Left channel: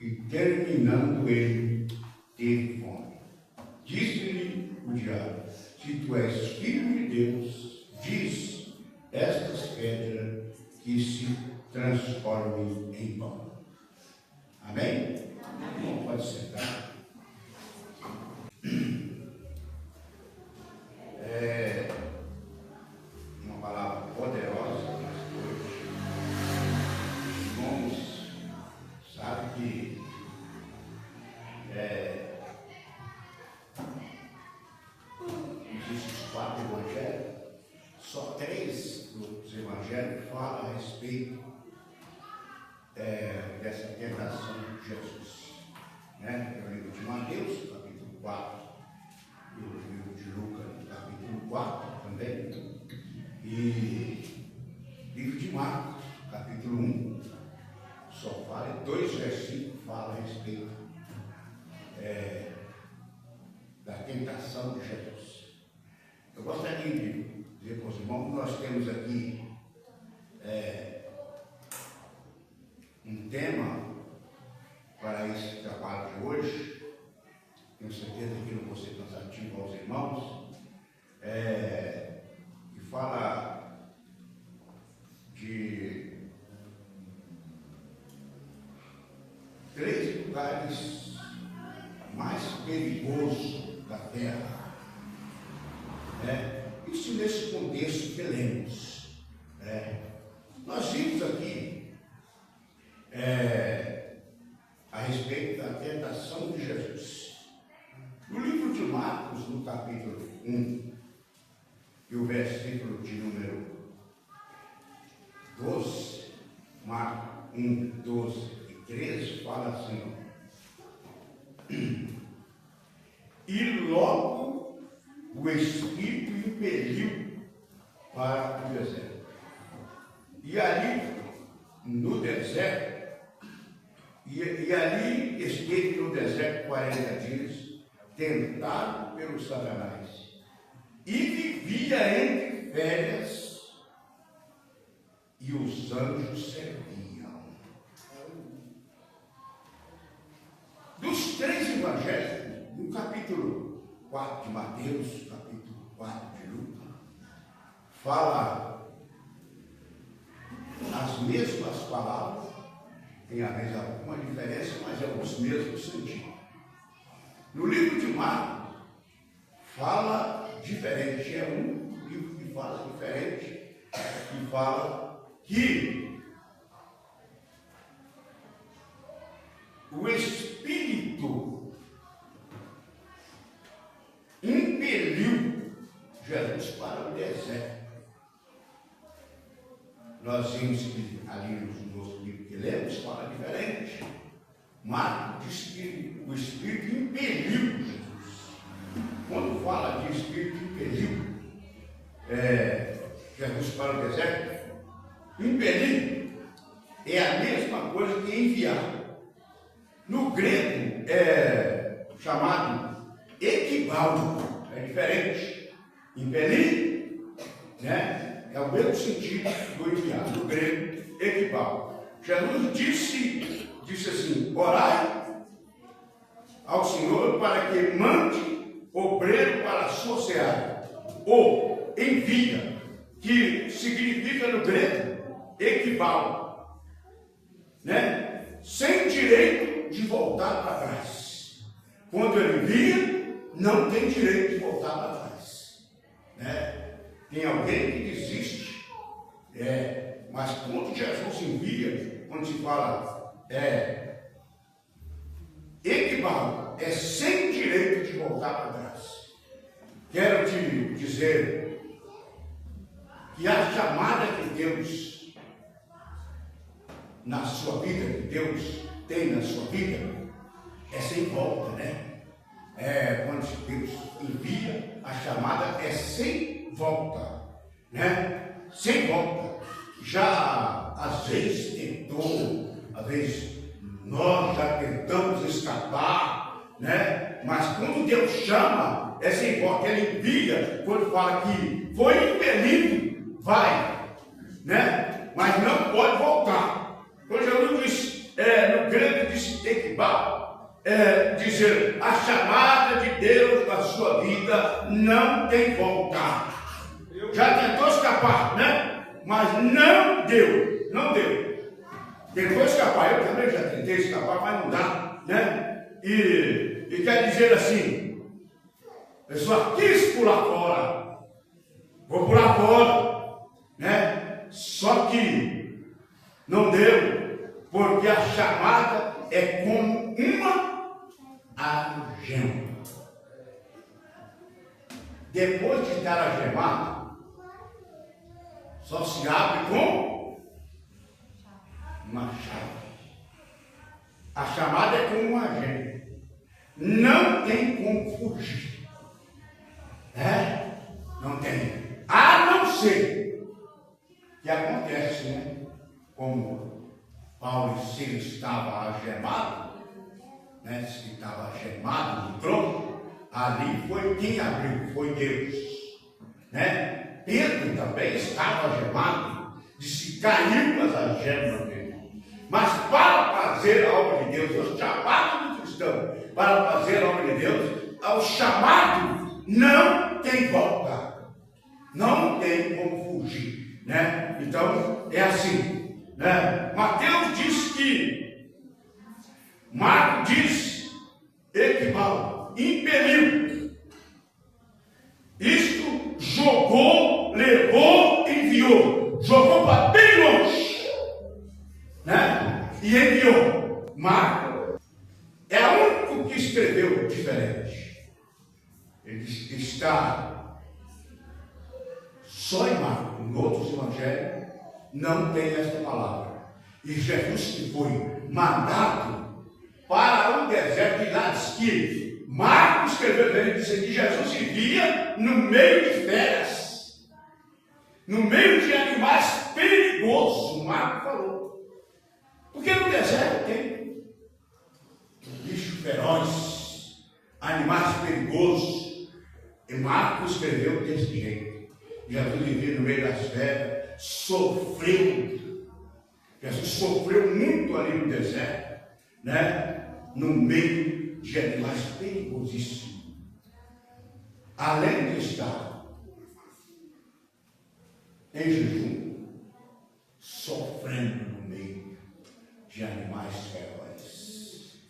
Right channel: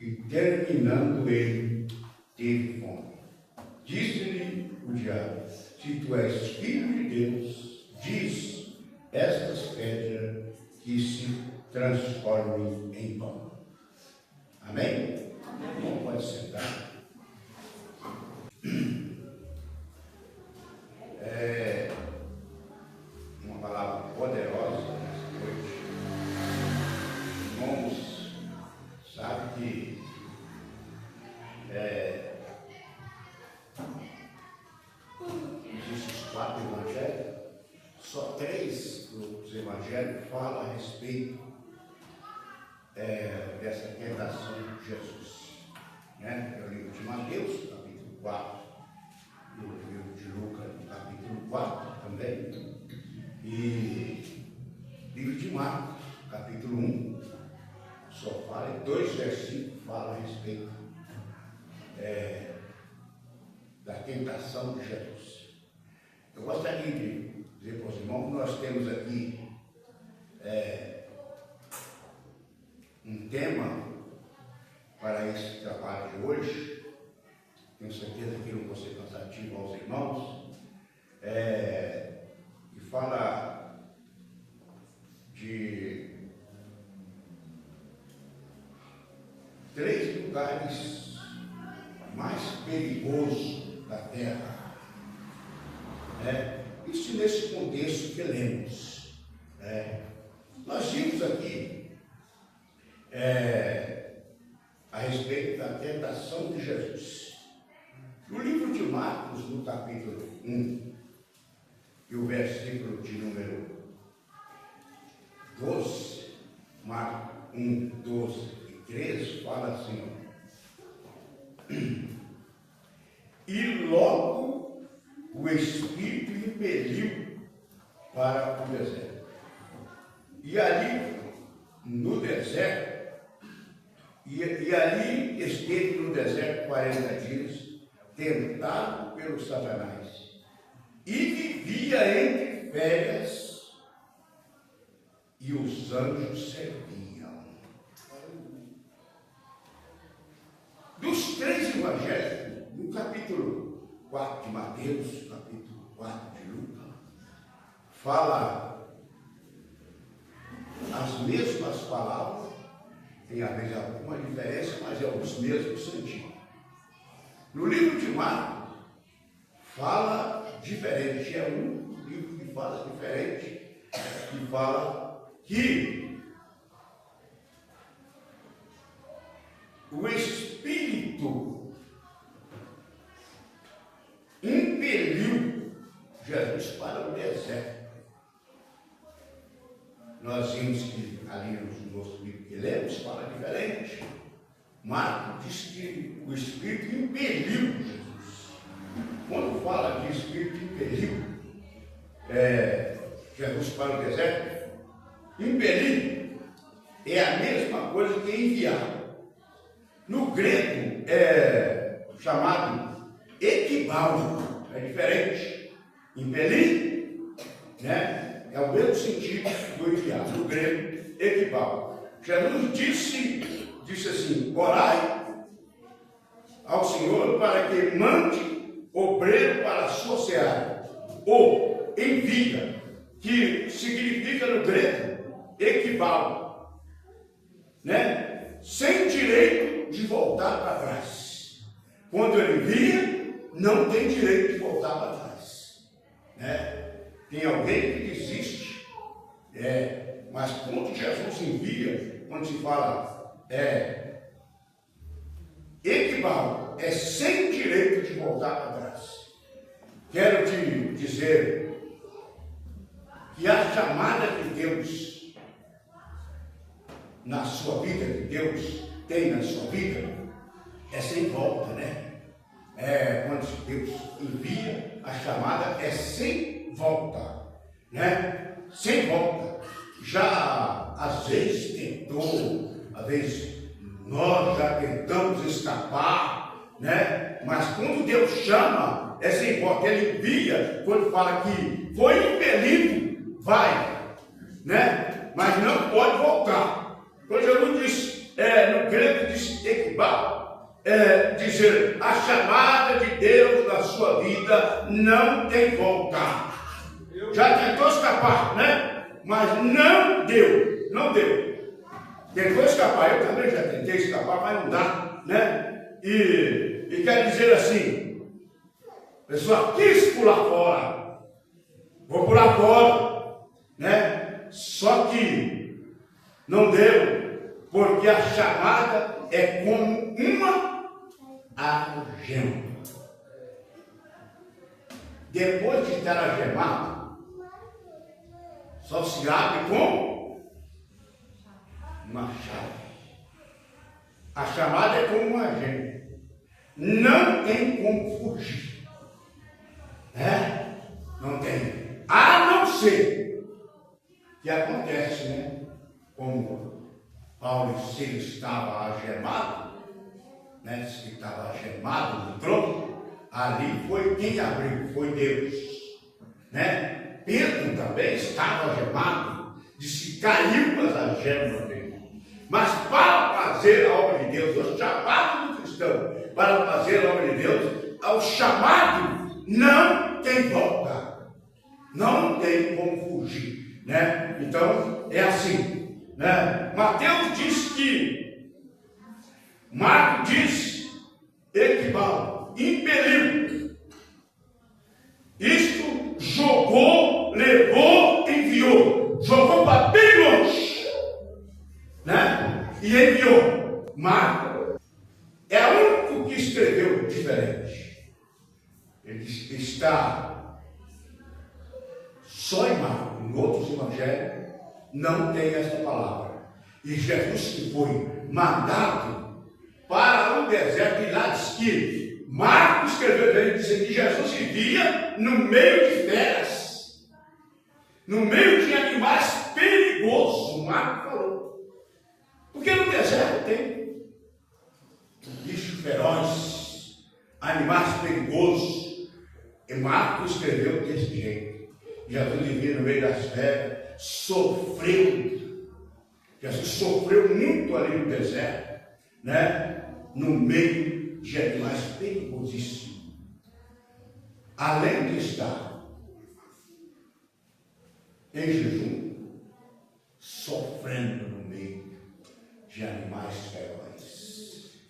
e terminando ele, teve fome. Disse-lhe o diabo: se tu és filho de Deus, diz estas pedras que se transformem em pão. Amém? Amém. Pode sentar. Uma palavra poderosa hoje. Irmãos, sabe que existem os 4 evangelhos, só 3 dos evangelhos falam a respeito dessa tentação de Jesus. É o livro de Mateus, capítulo 4, e o livro de Lucas, capítulo 4 também, e o livro de Marcos, capítulo 1, só fala, 2 versículos falam a respeito da tentação de Jesus. Eu gostaria de dizer para os irmãos que nós temos aqui um tema para esse trabalho de hoje. Tenho certeza que não vou ser cansativo aos irmãos, e fala de 3 lugares mais perigosos da terra. Isso nesse contexto que lemos. Nós vimos aqui a respeito da tentação de Jesus. No livro de Marcos, no capítulo 1, e o versículo de número 12, Marcos 1, 12 e 13, fala assim: e logo o Espírito impeliu para o deserto. E ali, no deserto, e ali esteve no deserto 40 dias, tentado pelo Satanás, e vivia entre férias, e os anjos serviam. Dos 3 evangelhos, no capítulo 4 de Mateus, capítulo 4 de Lucas, fala as mesmas palavras, tem às vezes alguma diferença, mas é os mesmos sentidos. No livro de Marcos, fala diferente, é um livro que fala diferente, que fala que o Espírito impeliu Jesus para o deserto. Nós vimos que ali no nosso livro que lemos fala diferente. Marcos diz que o Espírito impeliu Jesus. Quando fala de Espírito impeliu Jesus para o deserto, impelir é a mesma coisa que enviar. No grego é chamado equivaldo, é diferente. Impelir, é o mesmo sentido do enviar. No grego, equivaldo. Jesus disse assim: orai ao Senhor para que mande obreiro para a sua seara, ou envia, que significa no grego equivaldo, sem direito de voltar para trás. Quando ele envia, não tem direito de voltar para trás. Tem alguém que desiste, mas quando Jesus envia, quando se fala equivaldo, é sem direito de voltar para trás. Quero te dizer que a chamada de Deus na sua vida, que Deus tem na sua vida, é sem volta, quando Deus envia, a chamada é sem volta, sem volta. Já às vezes tentou, às vezes nós já tentamos escapar, mas quando Deus chama, é sem volta. Ele envia, quando fala que foi impelido, vai, mas não pode voltar. Quando Jesus diz, no grego diz Equibal, dizer, a chamada de Deus na sua vida não tem volta. Já tentou escapar, né? Mas não deu, não deu. Tentou escapar, eu também já tentei escapar, mas não dá, né? E quer dizer assim, a pessoa quis pular fora, vou pular fora, né? Só que não deu, porque a chamada é como uma algema. Depois de estar algemado, só se abre com uma chave. A chamada é como uma algema. Não tem como fugir. Não tem. A não ser que acontece, né? Como Paulo e Silas estava algemado, né? Diz que estava algemado no trono. Ali foi quem abriu, foi Deus, né? Pedro também estava algemado, disse que caiu as algemas dele. Mas para fazer a obra de Deus, o chamado do cristão, para fazer a obra de Deus, ao chamado não tem volta, não tem como fugir, né? Então é assim, né? Mateus diz que, Marcos diz, Equibal, impeliu. Isto jogou, levou, enviou. Jogou para bem longe, né? E enviou. Marcos é o único que escreveu diferente. Ele está só em Marcos. Em outros evangelhos não tem essa palavra. E Jesus que foi mandado para o deserto, e lá diz que Marcos escreveu, ele disse que Jesus vivia no meio de feras, no meio de animais perigosos. Marcos falou, porque no deserto tem bichos ferozes, animais perigosos. E Marcos escreveu desse jeito. Jesus vivia no meio das feras, sofreu. Jesus sofreu muito ali no deserto, né? No meio de animais perigosíssimos. Além de estar em jejum, sofrendo no meio de animais ferozes.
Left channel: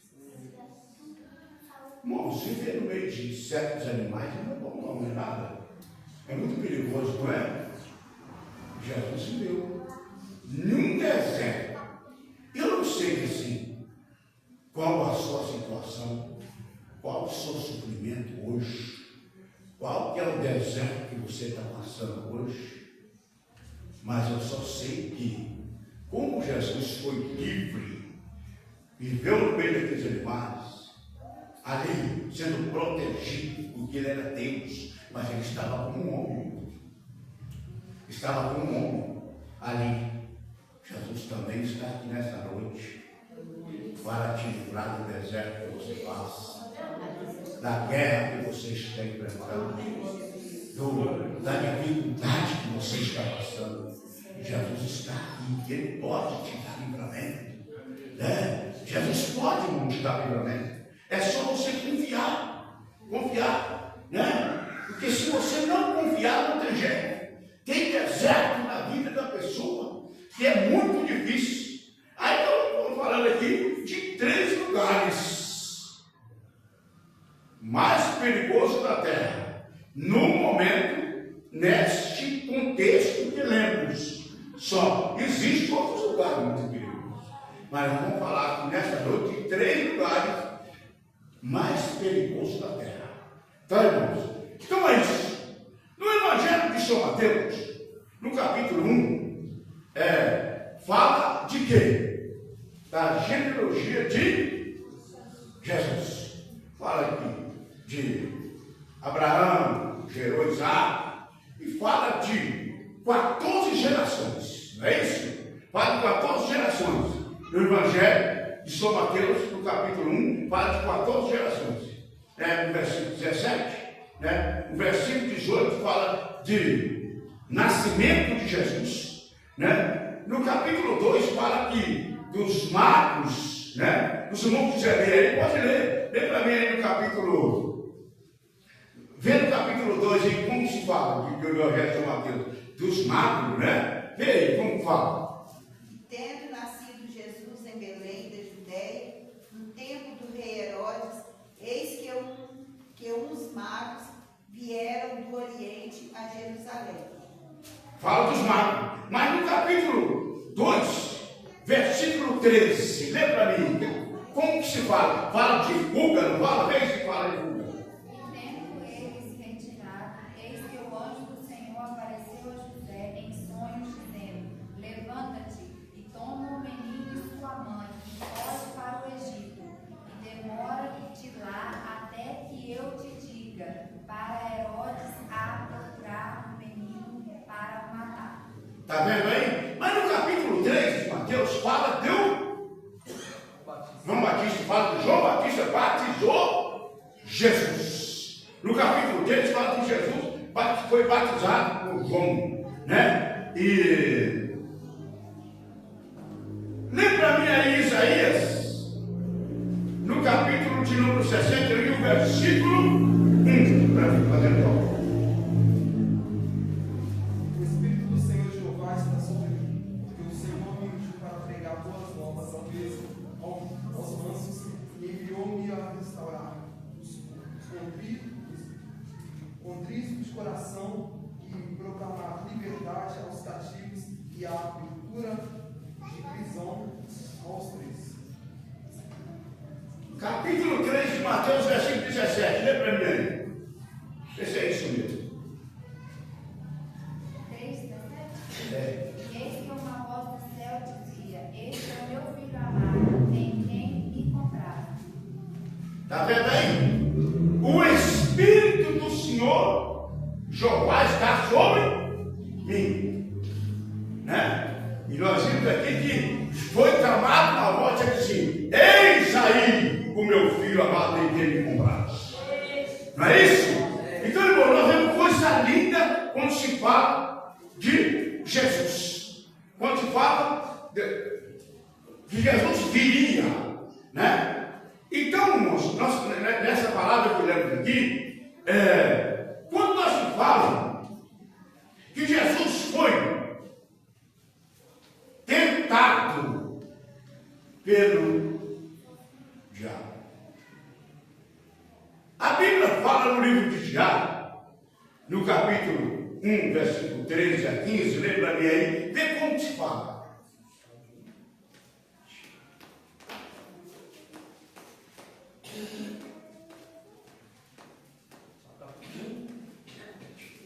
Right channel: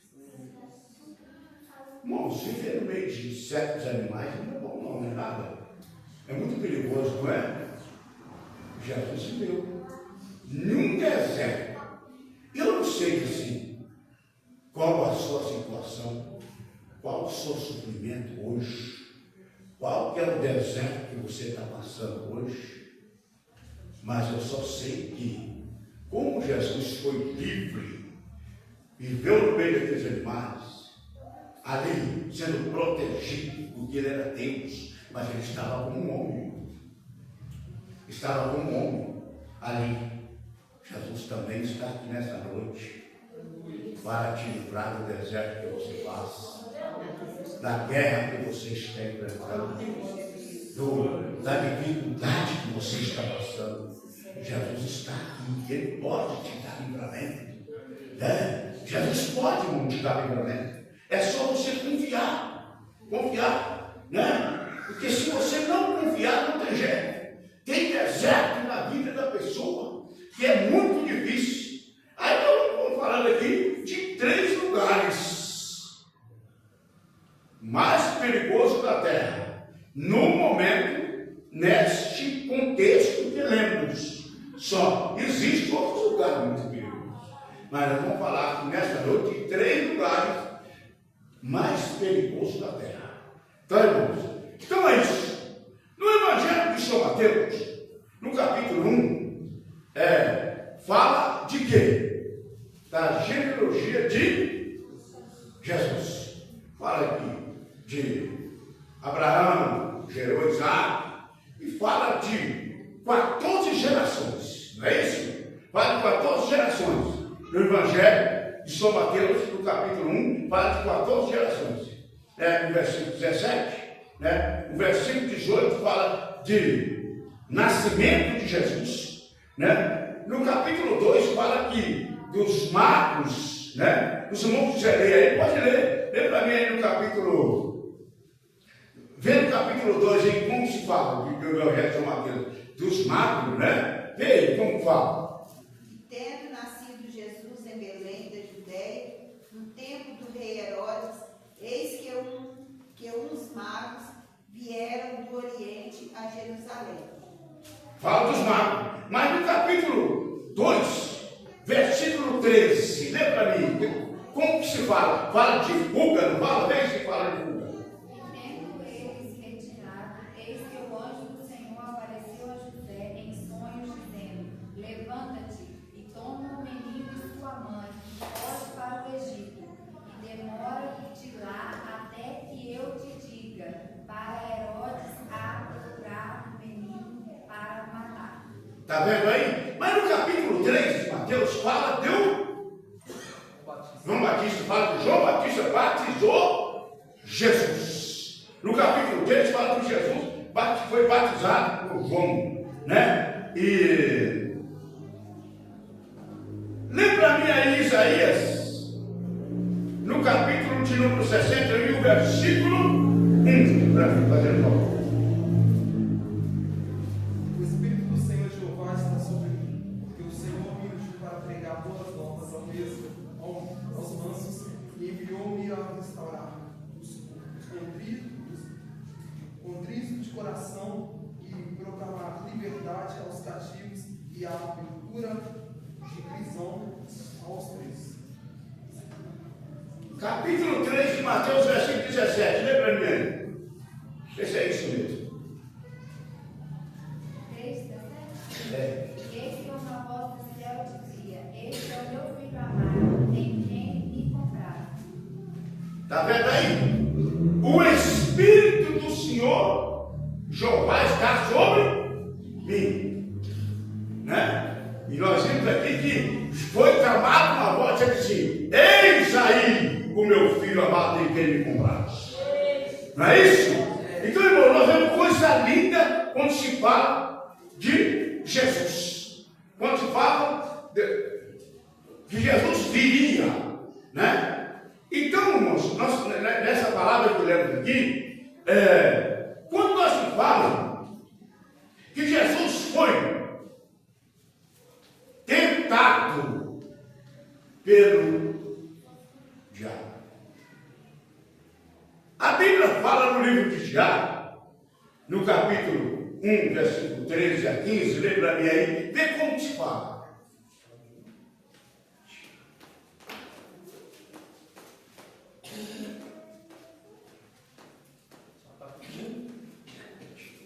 Irmãos, viver no meio de certos animais não é bom, não é nada. É muito perigoso, não é? Jesus viveu num deserto. Eu não sei assim, qual a sua situação, qual o seu sofrimento hoje, qual que é o deserto que você está passando hoje, mas eu só sei que, como Jesus foi livre, viveu no meio daqueles animais, ali sendo protegido, porque ele era Deus, mas ele estava como um homem, estava como um homem ali. Jesus também está aqui nessa noite para te livrar do deserto que você passa, da guerra que você está enfrentando, da dificuldade que você está passando. Jesus está aqui, ele pode te dar livramento, né? Jesus pode te dar livramento. É só você confiar, né? Porque se você não confiar, não tem jeito. Tem deserto na vida da pessoa que é muito difícil. Aí eu estou falando aqui de 3 lugares mais perigosos da terra, no momento, neste contexto que lemos. Só existem outros lugares muito perigosos, mas nós vamos falar aqui nessa noite de 3 lugares mais perigosos da terra. Tá, irmãos? Então é isso. No Evangelho de São Mateus, no capítulo 1, fala de quê? Da genealogia de Jesus. Fala aqui de Abraão, gerou Isaac, e fala de 14 gerações, não é isso? Fala de 14 gerações. No Evangelho de São Mateus, no capítulo 1, fala de 14 gerações. No versículo 17, né? No versículo 18 fala de nascimento de Jesus, né? No capítulo 2 fala que dos magos, né? Os irmãos quiserem ler aí, pode ler. Lê para mim aí no capítulo. Vê no capítulo 2 aí como se fala do Evangelho de São Mateus. Dos magos, né? Vê aí como fala. Tendo nascido Jesus em Belém da Judéia, no tempo do rei Herodes, eis que uns magos vieram do Oriente a Jerusalém. Fala dos magos. Mas no capítulo 2, versículo 13, lê para mim. Como que se fala? Fala de fuga, não fala? Vê se fala de fuga. Tendo eles retirado, eis que o anjo do Senhor apareceu a José em sonhos, dizendo: Levanta-te e toma o menino e sua mãe, e foge para o Egito, e demora-te lá até que eu te diga, para Herodes a procurar o menino para matar. Está vendo aí? Mas no capítulo 3 de Mateus fala de João Batista, fala que João Batista batizou Jesus. No capítulo 3 fala que Jesus foi batizado por João, né? E lembra para mim aí Isaías, no capítulo de número 61, versículo 1, para mim fazer nome. O Espírito do Senhor Jeová está sobre mim, porque o Senhor me ungiu para pregar boas novas aos mansos e enviou-me a restaurar os contritos de coração e proclamar liberdade aos cativos e a abertura de prisão aos presos. Capítulo 3 de Mateus, versículo 17. Lê para mim aí. Vê se é isso mesmo. 3:17. É. Eis que uma voz do céu dizia: Este é o meu filho amado, em quem me compraram. Está vendo aí? O Espírito do Senhor Jeová está sobre mim, né? E nós vimos aqui que foi clamado uma voz e disse: Eis aí o meu filho amado em quem me compraste. Não é isso? Então, irmão, nós vemos coisa linda quando se fala de Jesus. Quando se fala que Jesus viria, né? Então, irmãos, nessa palavra que eu levo aqui, quando nós se fala que Jesus foi tentado pelo diabo. A Bíblia fala no livro de Tiago, no capítulo 1, versículo 13 a 15, lê para mim aí, vê como se fala.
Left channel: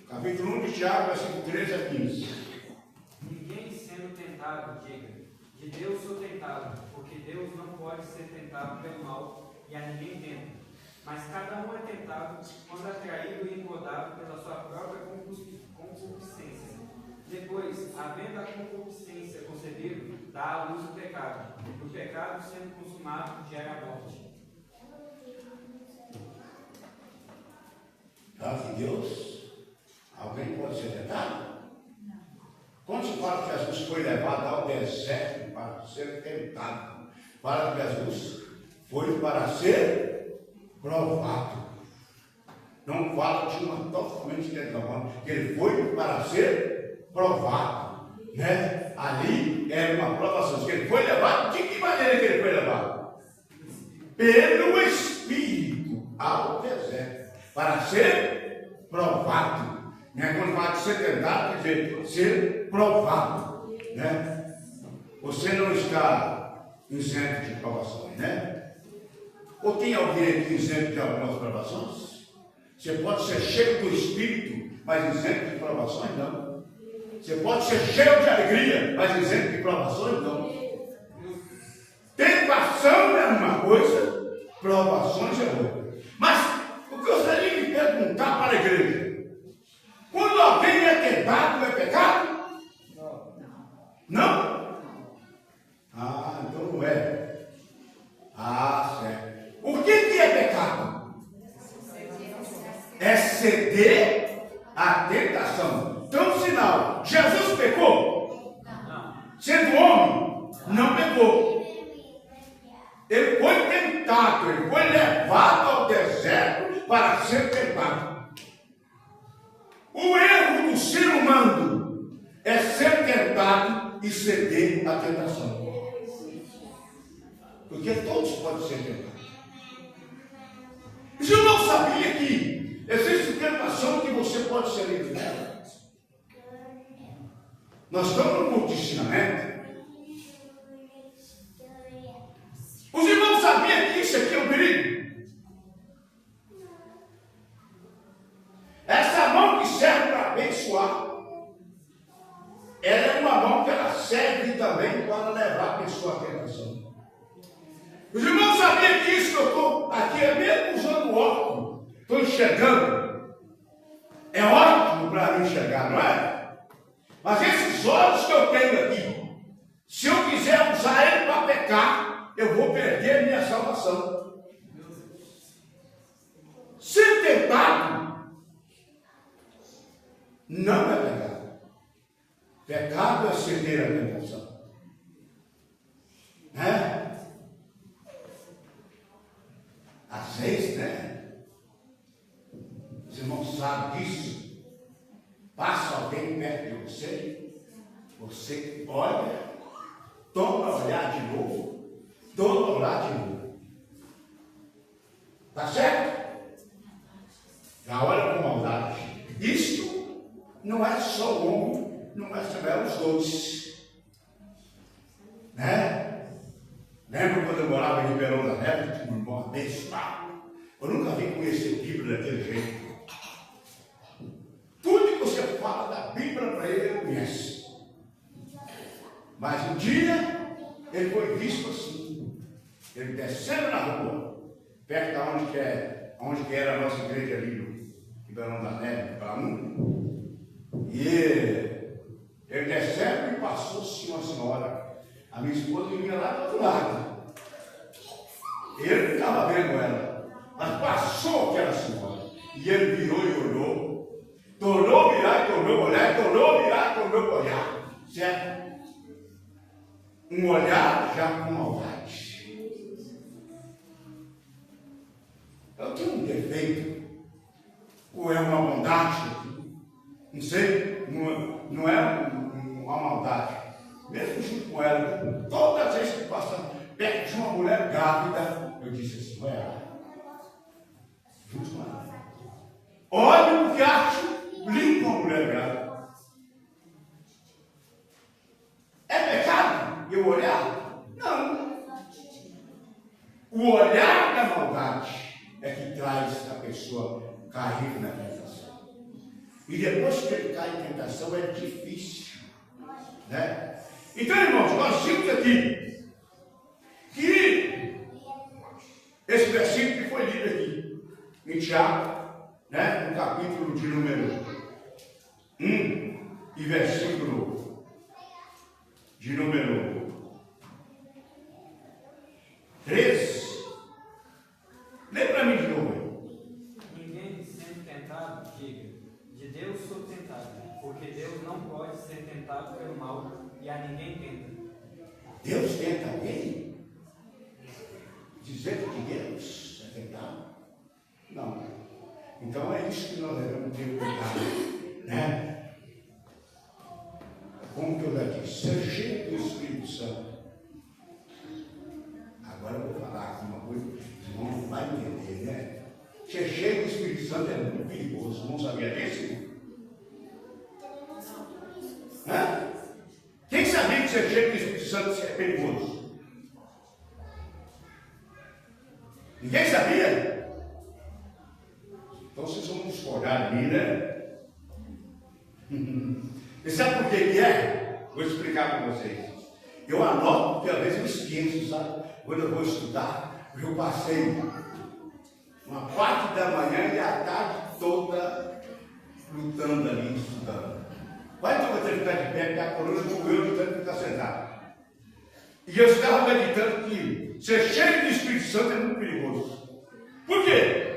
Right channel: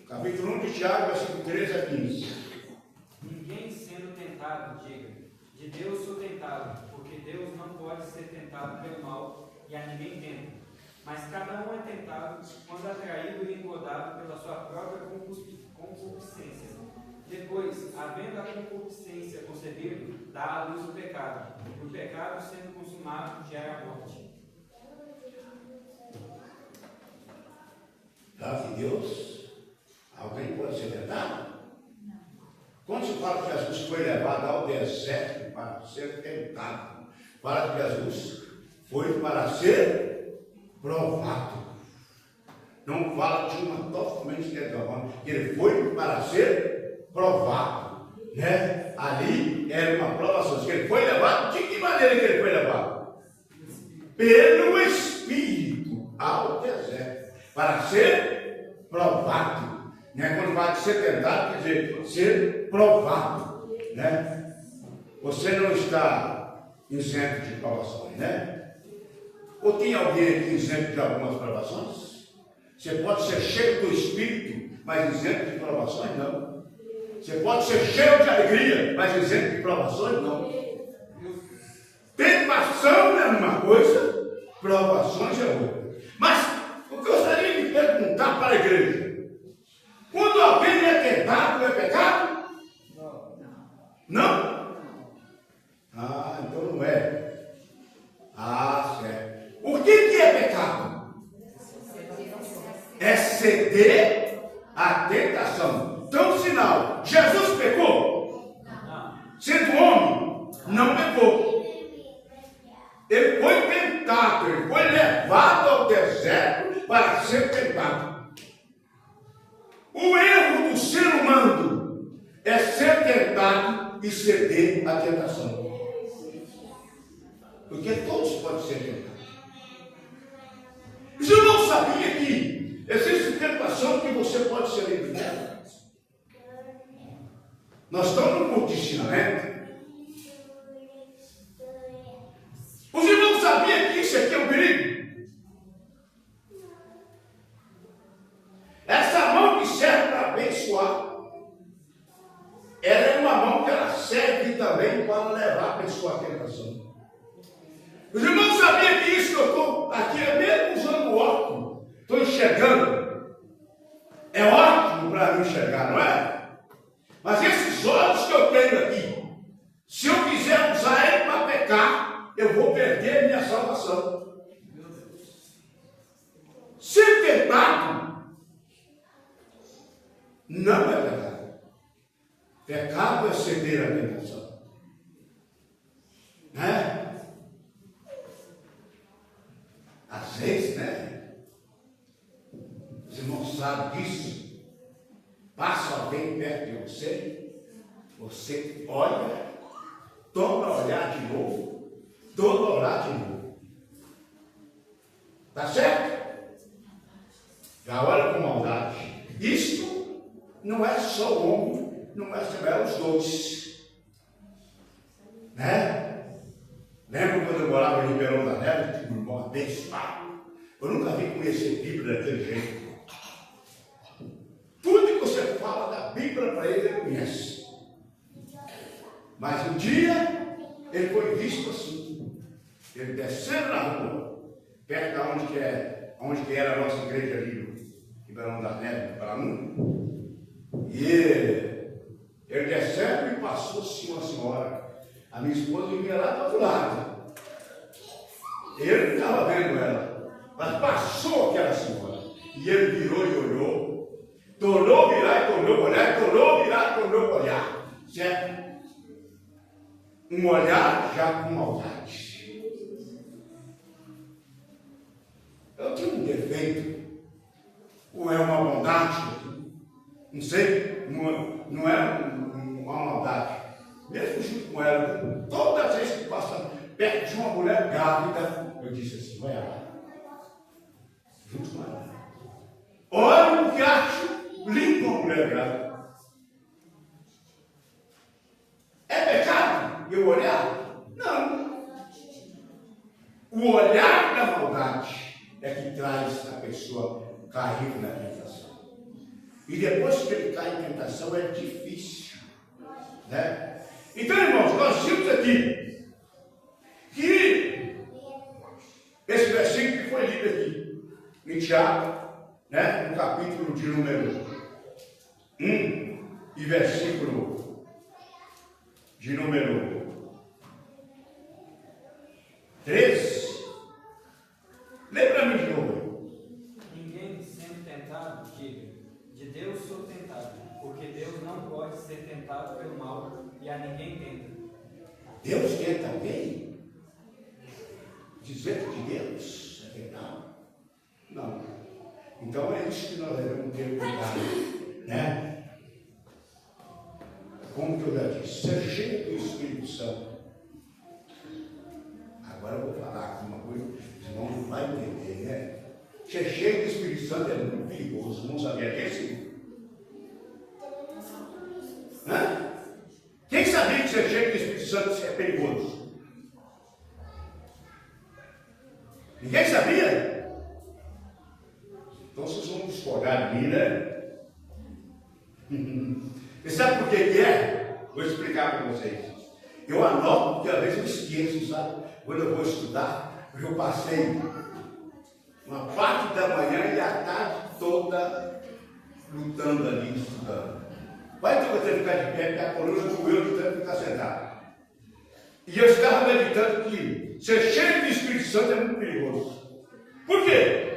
Capítulo 1 de Tiago, versículo 13 a 15. Ninguém sendo tentado, diga, de Deus sou tentado, porque Deus não pode ser tentado pelo mal, e a ninguém tenta. Mas cada um é tentado quando atraído e engodado pela sua própria concupiscência. Depois, havendo a concupiscência concebido, dá à luz o pecado. E o pecado, sendo consumado, gera a morte. De Deus, alguém pode ser tentado? Quando se fala que Jesus foi levado ao deserto para ser tentado, fala que Jesus foi para ser provado. Não fala de uma totalmente negativa, que ele foi para ser provado, né? Ali era uma provação. Ele foi levado, de que maneira que ele foi levado? Pelo Espírito ao deserto, para ser provado, né? Quando fala de ser tentado, quer dizer, ser provado, né? Você não está isento de provações, né? Ou tem alguém aqui isento de algumas provações? Você pode ser cheio do Espírito, mas isento de provações? Não. Você pode ser cheio de alegria, mas isento de provações? Não. Tentação é uma coisa, provações é outra. Mas o que eu gostaria de perguntar para a igreja: quando alguém é tentado, é pecado? Não? Ah, então não é. Ah, certo. O que é pecado? É ceder à tentação. Então, sinal, Jesus pecou? Não. Sendo homem, não pecou. tentado, ele foi levado ao deserto para ser tentado. O erro do ser humano é ser tentado e ceder à tentação. Porque todos podem ser tentados. Mas eu não sabia que existe tentação que você pode ser livre dela. Nós estamos no culto de ensinamento. Os irmãos sabiam que isso aqui é um perigo? Essa mão que serve para abençoar, ela é uma mão que ela serve também para levar a pessoa à tentação. Os irmãos sabiam que isso que eu estou aqui é mesmo usando óculos, estou enxergando. É ótimo para eu enxergar, não é? Mas esses olhos que eu tenho aqui, se eu quiser usar ele para pecar, eu vou perder minha salvação. Ser tentado não é pecado. Pecado é ceder à tentação. Né? Às vezes, né? Os irmãos sabem disso. Passa alguém perto de você, você olha, torna a olhar de novo, torna a olhar de novo. Tá certo? Já olha com maldade. Isto não é só o homem, não é os dois. Né? Lembro quando eu morava em Ribeirão da Neve, tinha um irmão abençoado. Eu nunca vi conhecer Bíblia daquele jeito. Tudo que você fala da Bíblia para ele conhece. Mas um dia ele foi visto assim. Ele descendo na rua, perto de onde que era a nossa igreja ali no Ribeirão da Neve, para um. E ele descendo e passou-se uma senhora. A minha esposa vinha lá do outro lado. Ele não estava vendo ela, mas passou aquela senhora. E ele virou e olhou. Tornou virar e tornou olhar, tornou virar e tornou olhar. Certo? Um olhar já com maldade. Eu tenho um defeito. Ou é uma bondade? Não sei. Não é uma maldade. Mesmo junto com ela, todas as vezes que passa perto de uma mulher grávida, eu disse assim, não é ela. Junto com ela. Olha o que acho limpo a mulher grávida. É pecado eu olhar? Não. O olhar da maldade é que traz a pessoa cair na tentação. E depois que ele cai em tentação é difícil. Né? Então, irmãos, nós vimos aqui que esse versículo que foi lido aqui em Tiago, né, no capítulo de número 1 e versículo de número 13. Lê para mim de novo. Ninguém sendo tentado, diga, de Deus sou tentado, porque Deus não pode ser tentado pelo mal e a ninguém tenta. Deus tenta alguém? Dizer que Deus é tentado? Não. Então é isso que nós devemos ter cuidado, né? Como que eu já disse, ser cheio do Espírito Santo. Agora eu vou falar aqui uma coisa, os irmãos não vão entender, né? Ser cheio do Espírito Santo é muito perigoso, não sabia disso? Hã? Quem sabia que ser cheio do Espírito Santo é perigoso? Ninguém sabia? Então vocês vão discordar de mim, né? E sabe por que é? Vou explicar para vocês. Eu anoto, porque às vezes eu esqueço, sabe? Quando eu vou estudar, eu passei uma parte da manhã e a tarde toda lutando ali, estudando. Vai ter que ficar de pé, porque a coluna doeu de tanto ficar sentado. E eu estava meditando que ser cheio do Espírito Santo é muito perigoso. Por quê?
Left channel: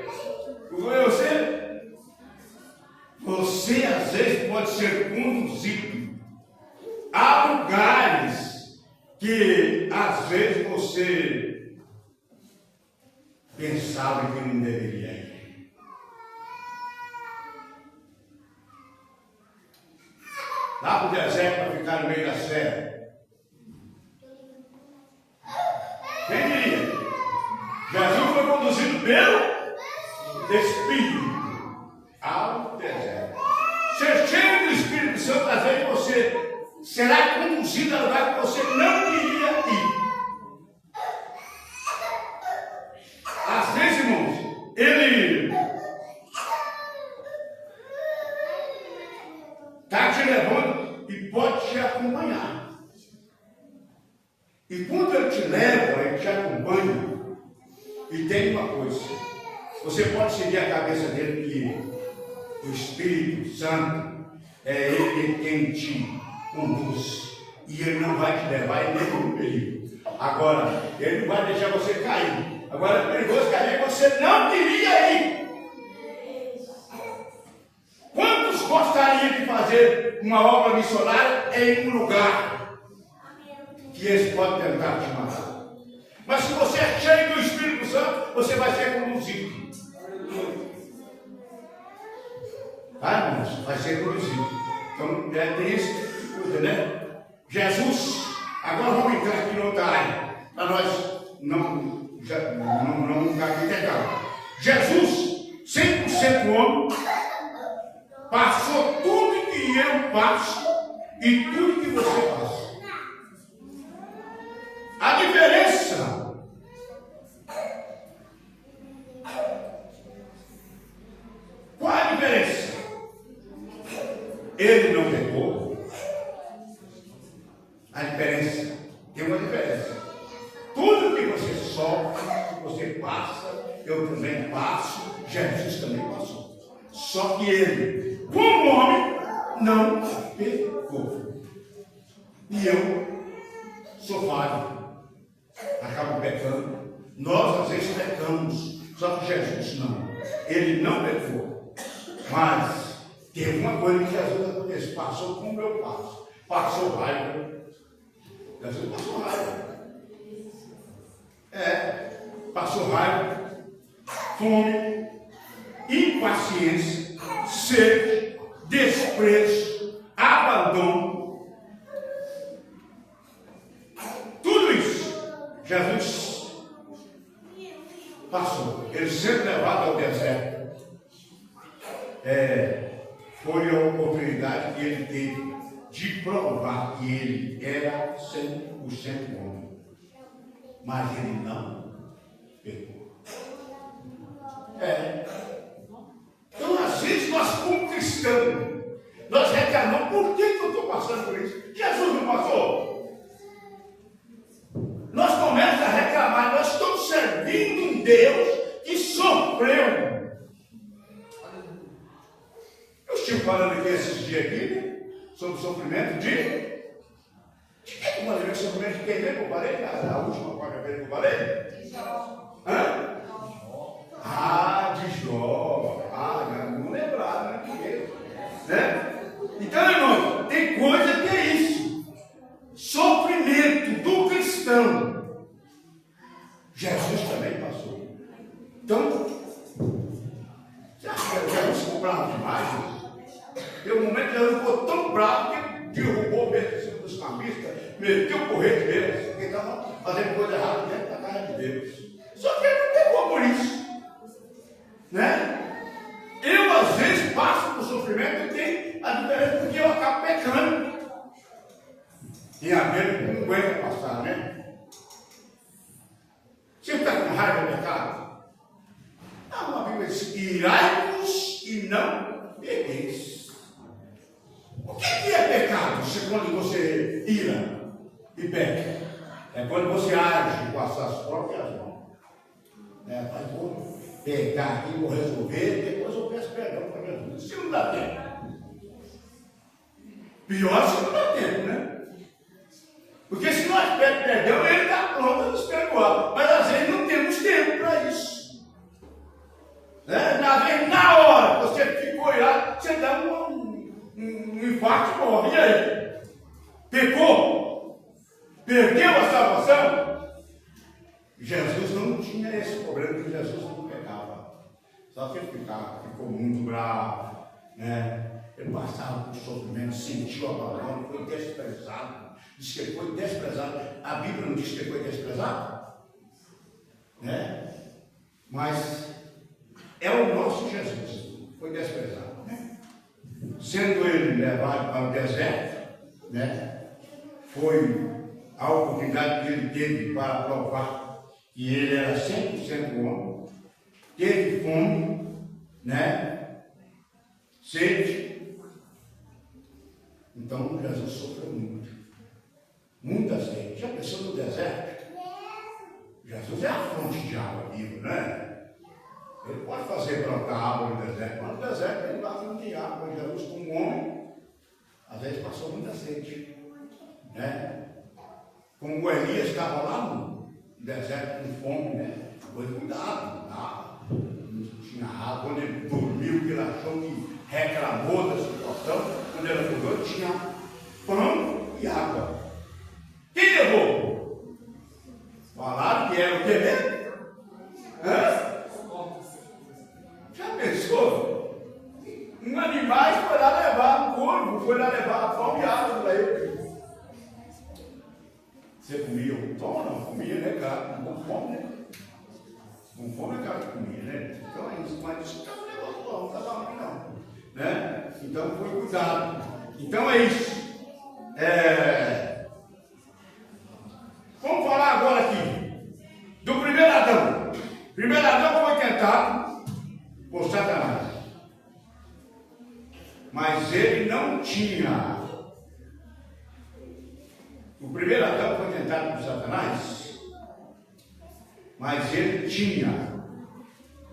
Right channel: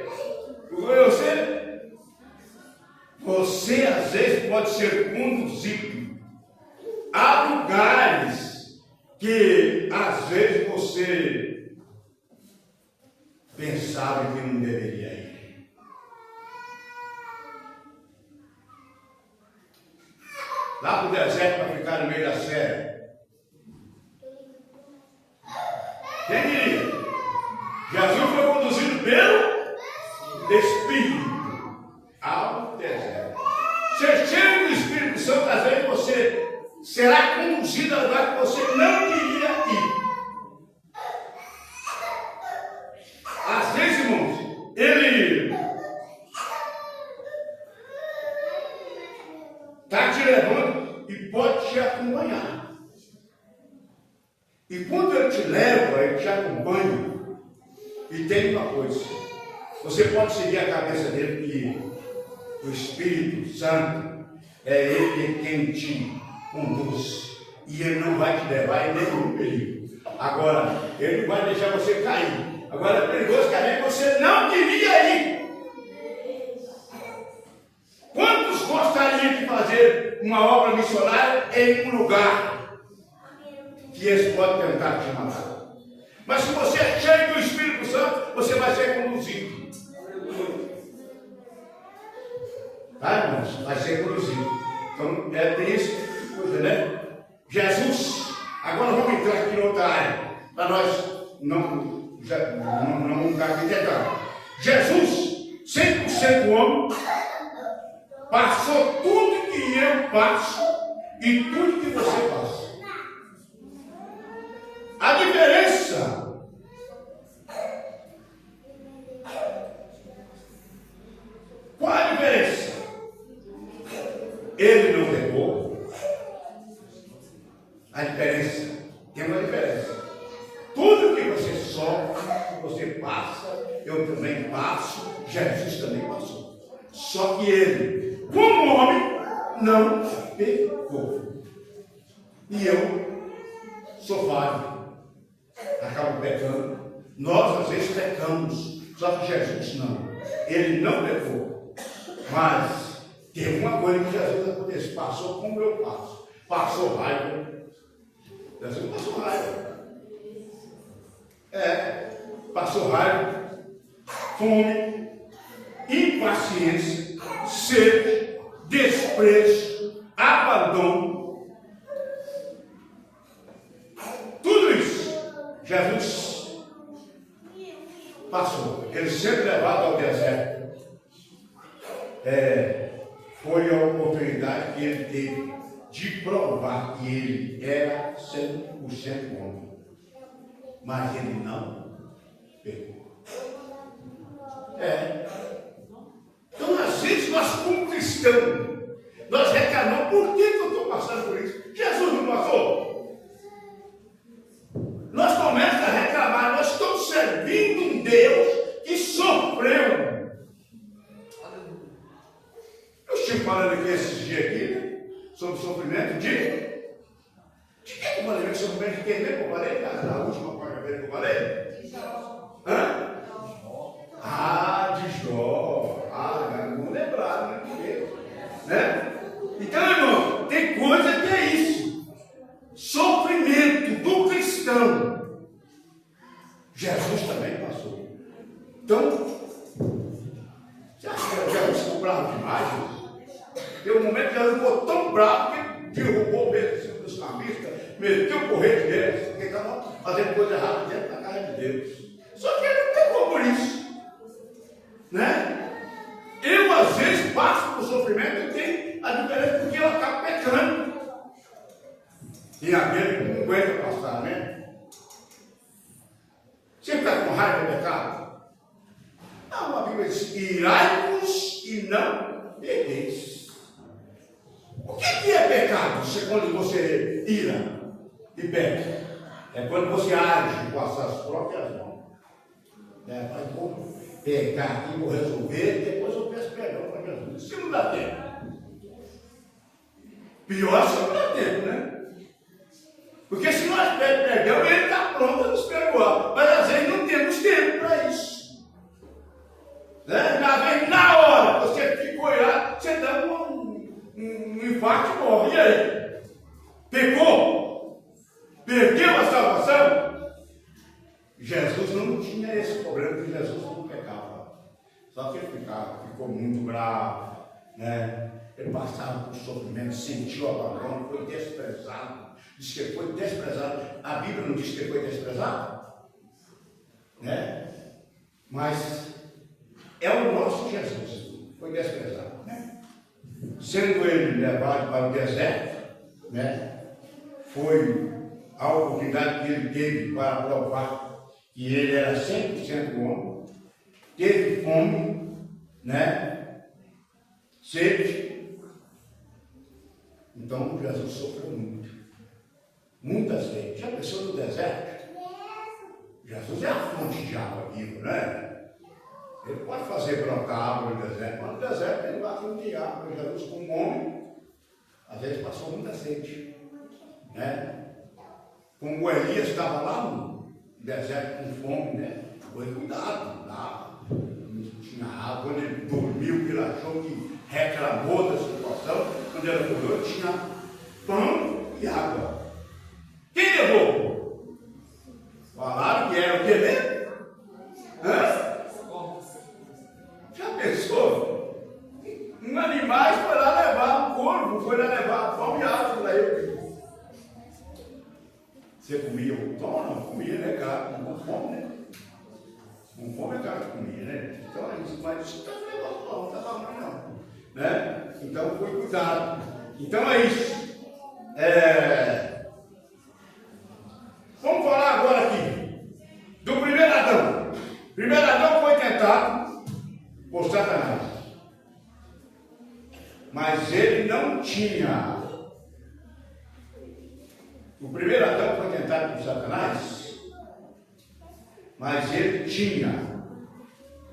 Você às vezes pode ser conduzido a lugares que às vezes você pensava que não deveria ir. Lá para o deserto para ficar no meio da serra. Quem diria? Jesus foi conduzido pelo Espírito ao deserto. Ser cheio do Espírito Santo, às vezes você será conduzido a lugar que você não queria ir. Às vezes, irmãos, ele está te levando e pode te acompanhar. E quando ele te leva, ele te acompanha. E tem uma coisa: você pode seguir a cabeça dele, que o Espírito Santo é ele quem te conduz. E ele não vai te levar em nenhum perigo. Agora, ele não vai deixar você cair. Agora é perigoso cair, você não queria ir. Quantos gostariam de fazer uma obra missionária em um lugar que eles podem tentar te matar? Mas se você é cheio do Espírito Santo, você vai ser conduzido. Tá, irmãos? Vai ser conduzido. Então, tem esse coisa, né? Jesus, agora vamos entrar aqui no outra área, para nós não gaguejar. Jesus, 100% homem, passou tudo que eu passo e tudo que você passa. A diferença qual a diferença? Ele não pecou. A diferença, tem uma diferença. Tudo que você sofre, que você passa, eu também passo, Jesus também passou. Só que ele, como homem, não pecou. E eu sou falho. Acabo pecando. Nós às vezes pecamos, só que Jesus não. Ele não pecou. Mas tem uma coisa que Jesus acontece. Passou como eu passo. Passou raiva. Jesus passou raiva. Passou raiva, fome, impaciência, sede, desprezo, abandono. Tudo isso Jesus passou. Ele sempre levado ao deserto. Foi a oportunidade que ele teve de provar que ele era 100% homem. Mas ele não pecou. Então, às vezes, nós como cristãos, nós reclamamos: por que eu estou passando por isso? Jesus não passou. Nós começamos a reclamar: nós estamos servindo um Deus que sofreu. Eu estive falando aqui esses dias aqui, né, sobre o sofrimento de que eu falei? O sofrimento de quem mesmo? Eu falei na última quarta-feira que eu falei? De Jó. Hã? De Jó. Não lembrado, né? Então, irmão, tem coisa que é isso. Sofrimento do cristão. Jesus também passou. Então, você acha que Jesus ficou bravo demais? Tem um momento que Jesus ficou tão bravo que derrubou mesmo dos cambistas, meteu o correio deles, porque estavam fazendo coisa errada dentro da casa de Deus. Só que ele não pegou por isso. Né? Eu, às vezes, passo por sofrimento e tem a diferença porque eu acabo pecando. Tem aquele que não aguenta passar, né? Você fica com raiva do pecado? Uma Bíblia diz: irai-vos e não pequeis. O que é pecado? Quando você ira e peca. É quando você age com as suas próprias mãos. Mas vou pecar aqui, vou resolver, depois eu peço perdão para Jesus. Isso não dá tempo. Pior se não dá tempo, né? Porque se nós pedimos perdão, ele está pronto a nos perdoar. Mas às vezes não temos tempo para isso. Né? Às vezes, na hora, você ficou irado, você dá um infarto e morre. E aí? Pecou? Perdeu a salvação? Jesus não tinha esse problema, que Jesus não pecava. Só que ele ficou muito bravo, né? Ele passava por sofrimento, sentiu abandono, foi desprezado. Diz que ele foi desprezado. A Bíblia não diz que ele foi desprezado? Né? Mas é o nosso Jesus, foi desprezado, né? Sendo ele levado para o deserto, né? Foi a oportunidade que ele teve para provar que ele era 100% homem, teve fome, né? Sede. Então Jesus sofreu muito, muita sede. Já pensou no deserto? Jesus é a fonte de água viva, né? Ele pode fazer brotar água no deserto, mas no deserto ele vai fonte de água. Jesus, como homem, às vezes passou muita sede, né? Como o Elias estava lá no deserto com fome, né? Foi cuidado, não tinha água. Quando ele dormiu, ele achou que reclamou da situação. Quando ele acordou, tinha pão e água. Quem levou? Falaram que era o que mesmo? Já pensou? Um animal foi lá levar, um corvo foi lá levar pão e água para ele. Você comia o pão? Não comia, né, cara? Com fome, né? Com fome é cara que comia, né? Então é isso, mas isso não é negócio não está ruim não, né? Então foi cuidado. Então é isso. Vamos falar agora aqui do primeiro Adão. O primeiro Adão foi tentado por Satanás, mas ele não tinha. O primeiro Adão foi tentado por Satanás, mas ele tinha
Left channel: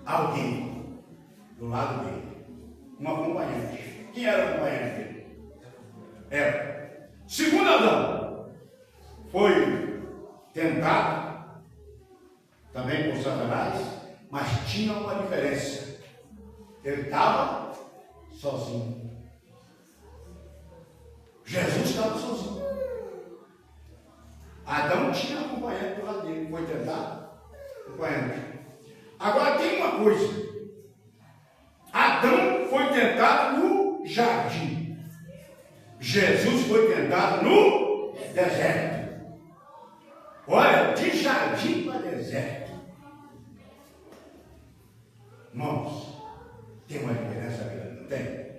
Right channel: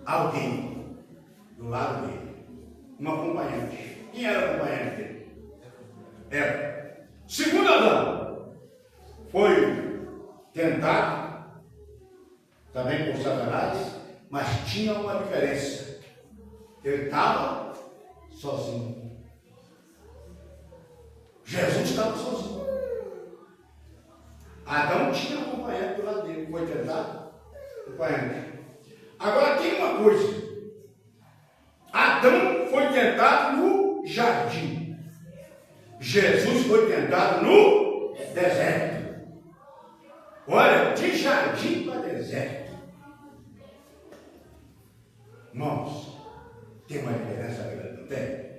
alguém do lado dele, um acompanhante. Quem era o acompanhante dele? Era. Segundo Adão foi tentado também por Satanás, mas tinha uma diferença. Ele estava sozinho. Jesus estava sozinho. Adão tinha acompanhante do lado dele, foi tentado, acompanhante. Agora tem uma coisa: Adão foi tentado no jardim, Jesus foi tentado no deserto. Olha, de jardim para deserto, irmãos, tem uma diferença grande, não tem?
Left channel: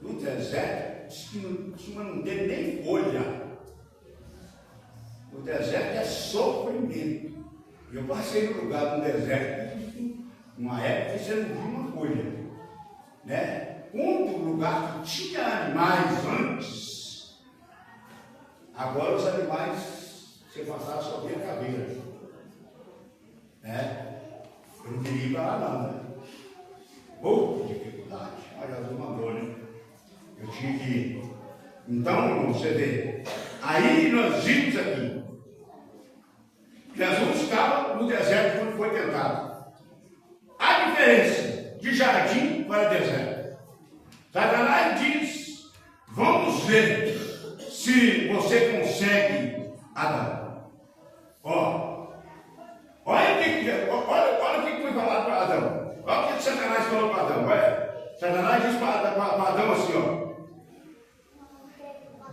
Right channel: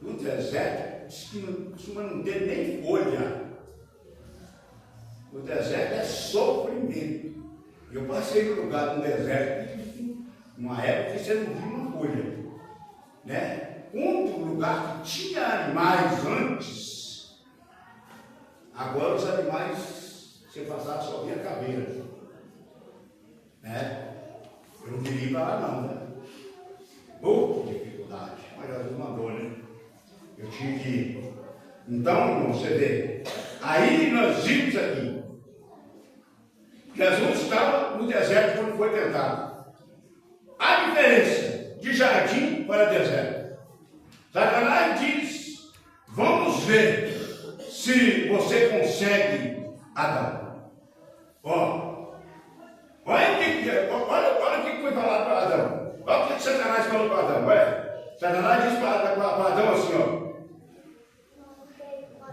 No deserto, diz que não costuma não ter nem folha. O deserto é sofrimento. Eu passei no lugar do deserto, numa época que você não viu uma folha, né? Um lugar que tinha animais antes, agora os animais, você passava só via caveira, né? Eu não queria ir para lá não, né? Pouca dificuldade, mas Jesus mandou, né? Eu tinha que ir. Então, você vê, aí nós vimos aqui, Jesus estava no deserto quando foi tentado. A diferença de jardim para deserto. Satanás diz: vamos ver se você consegue Adão. Olha o que foi falado para Adão. Olha o que Satanás falou para Adão. Olha. Satanás diz para Adão assim: ó.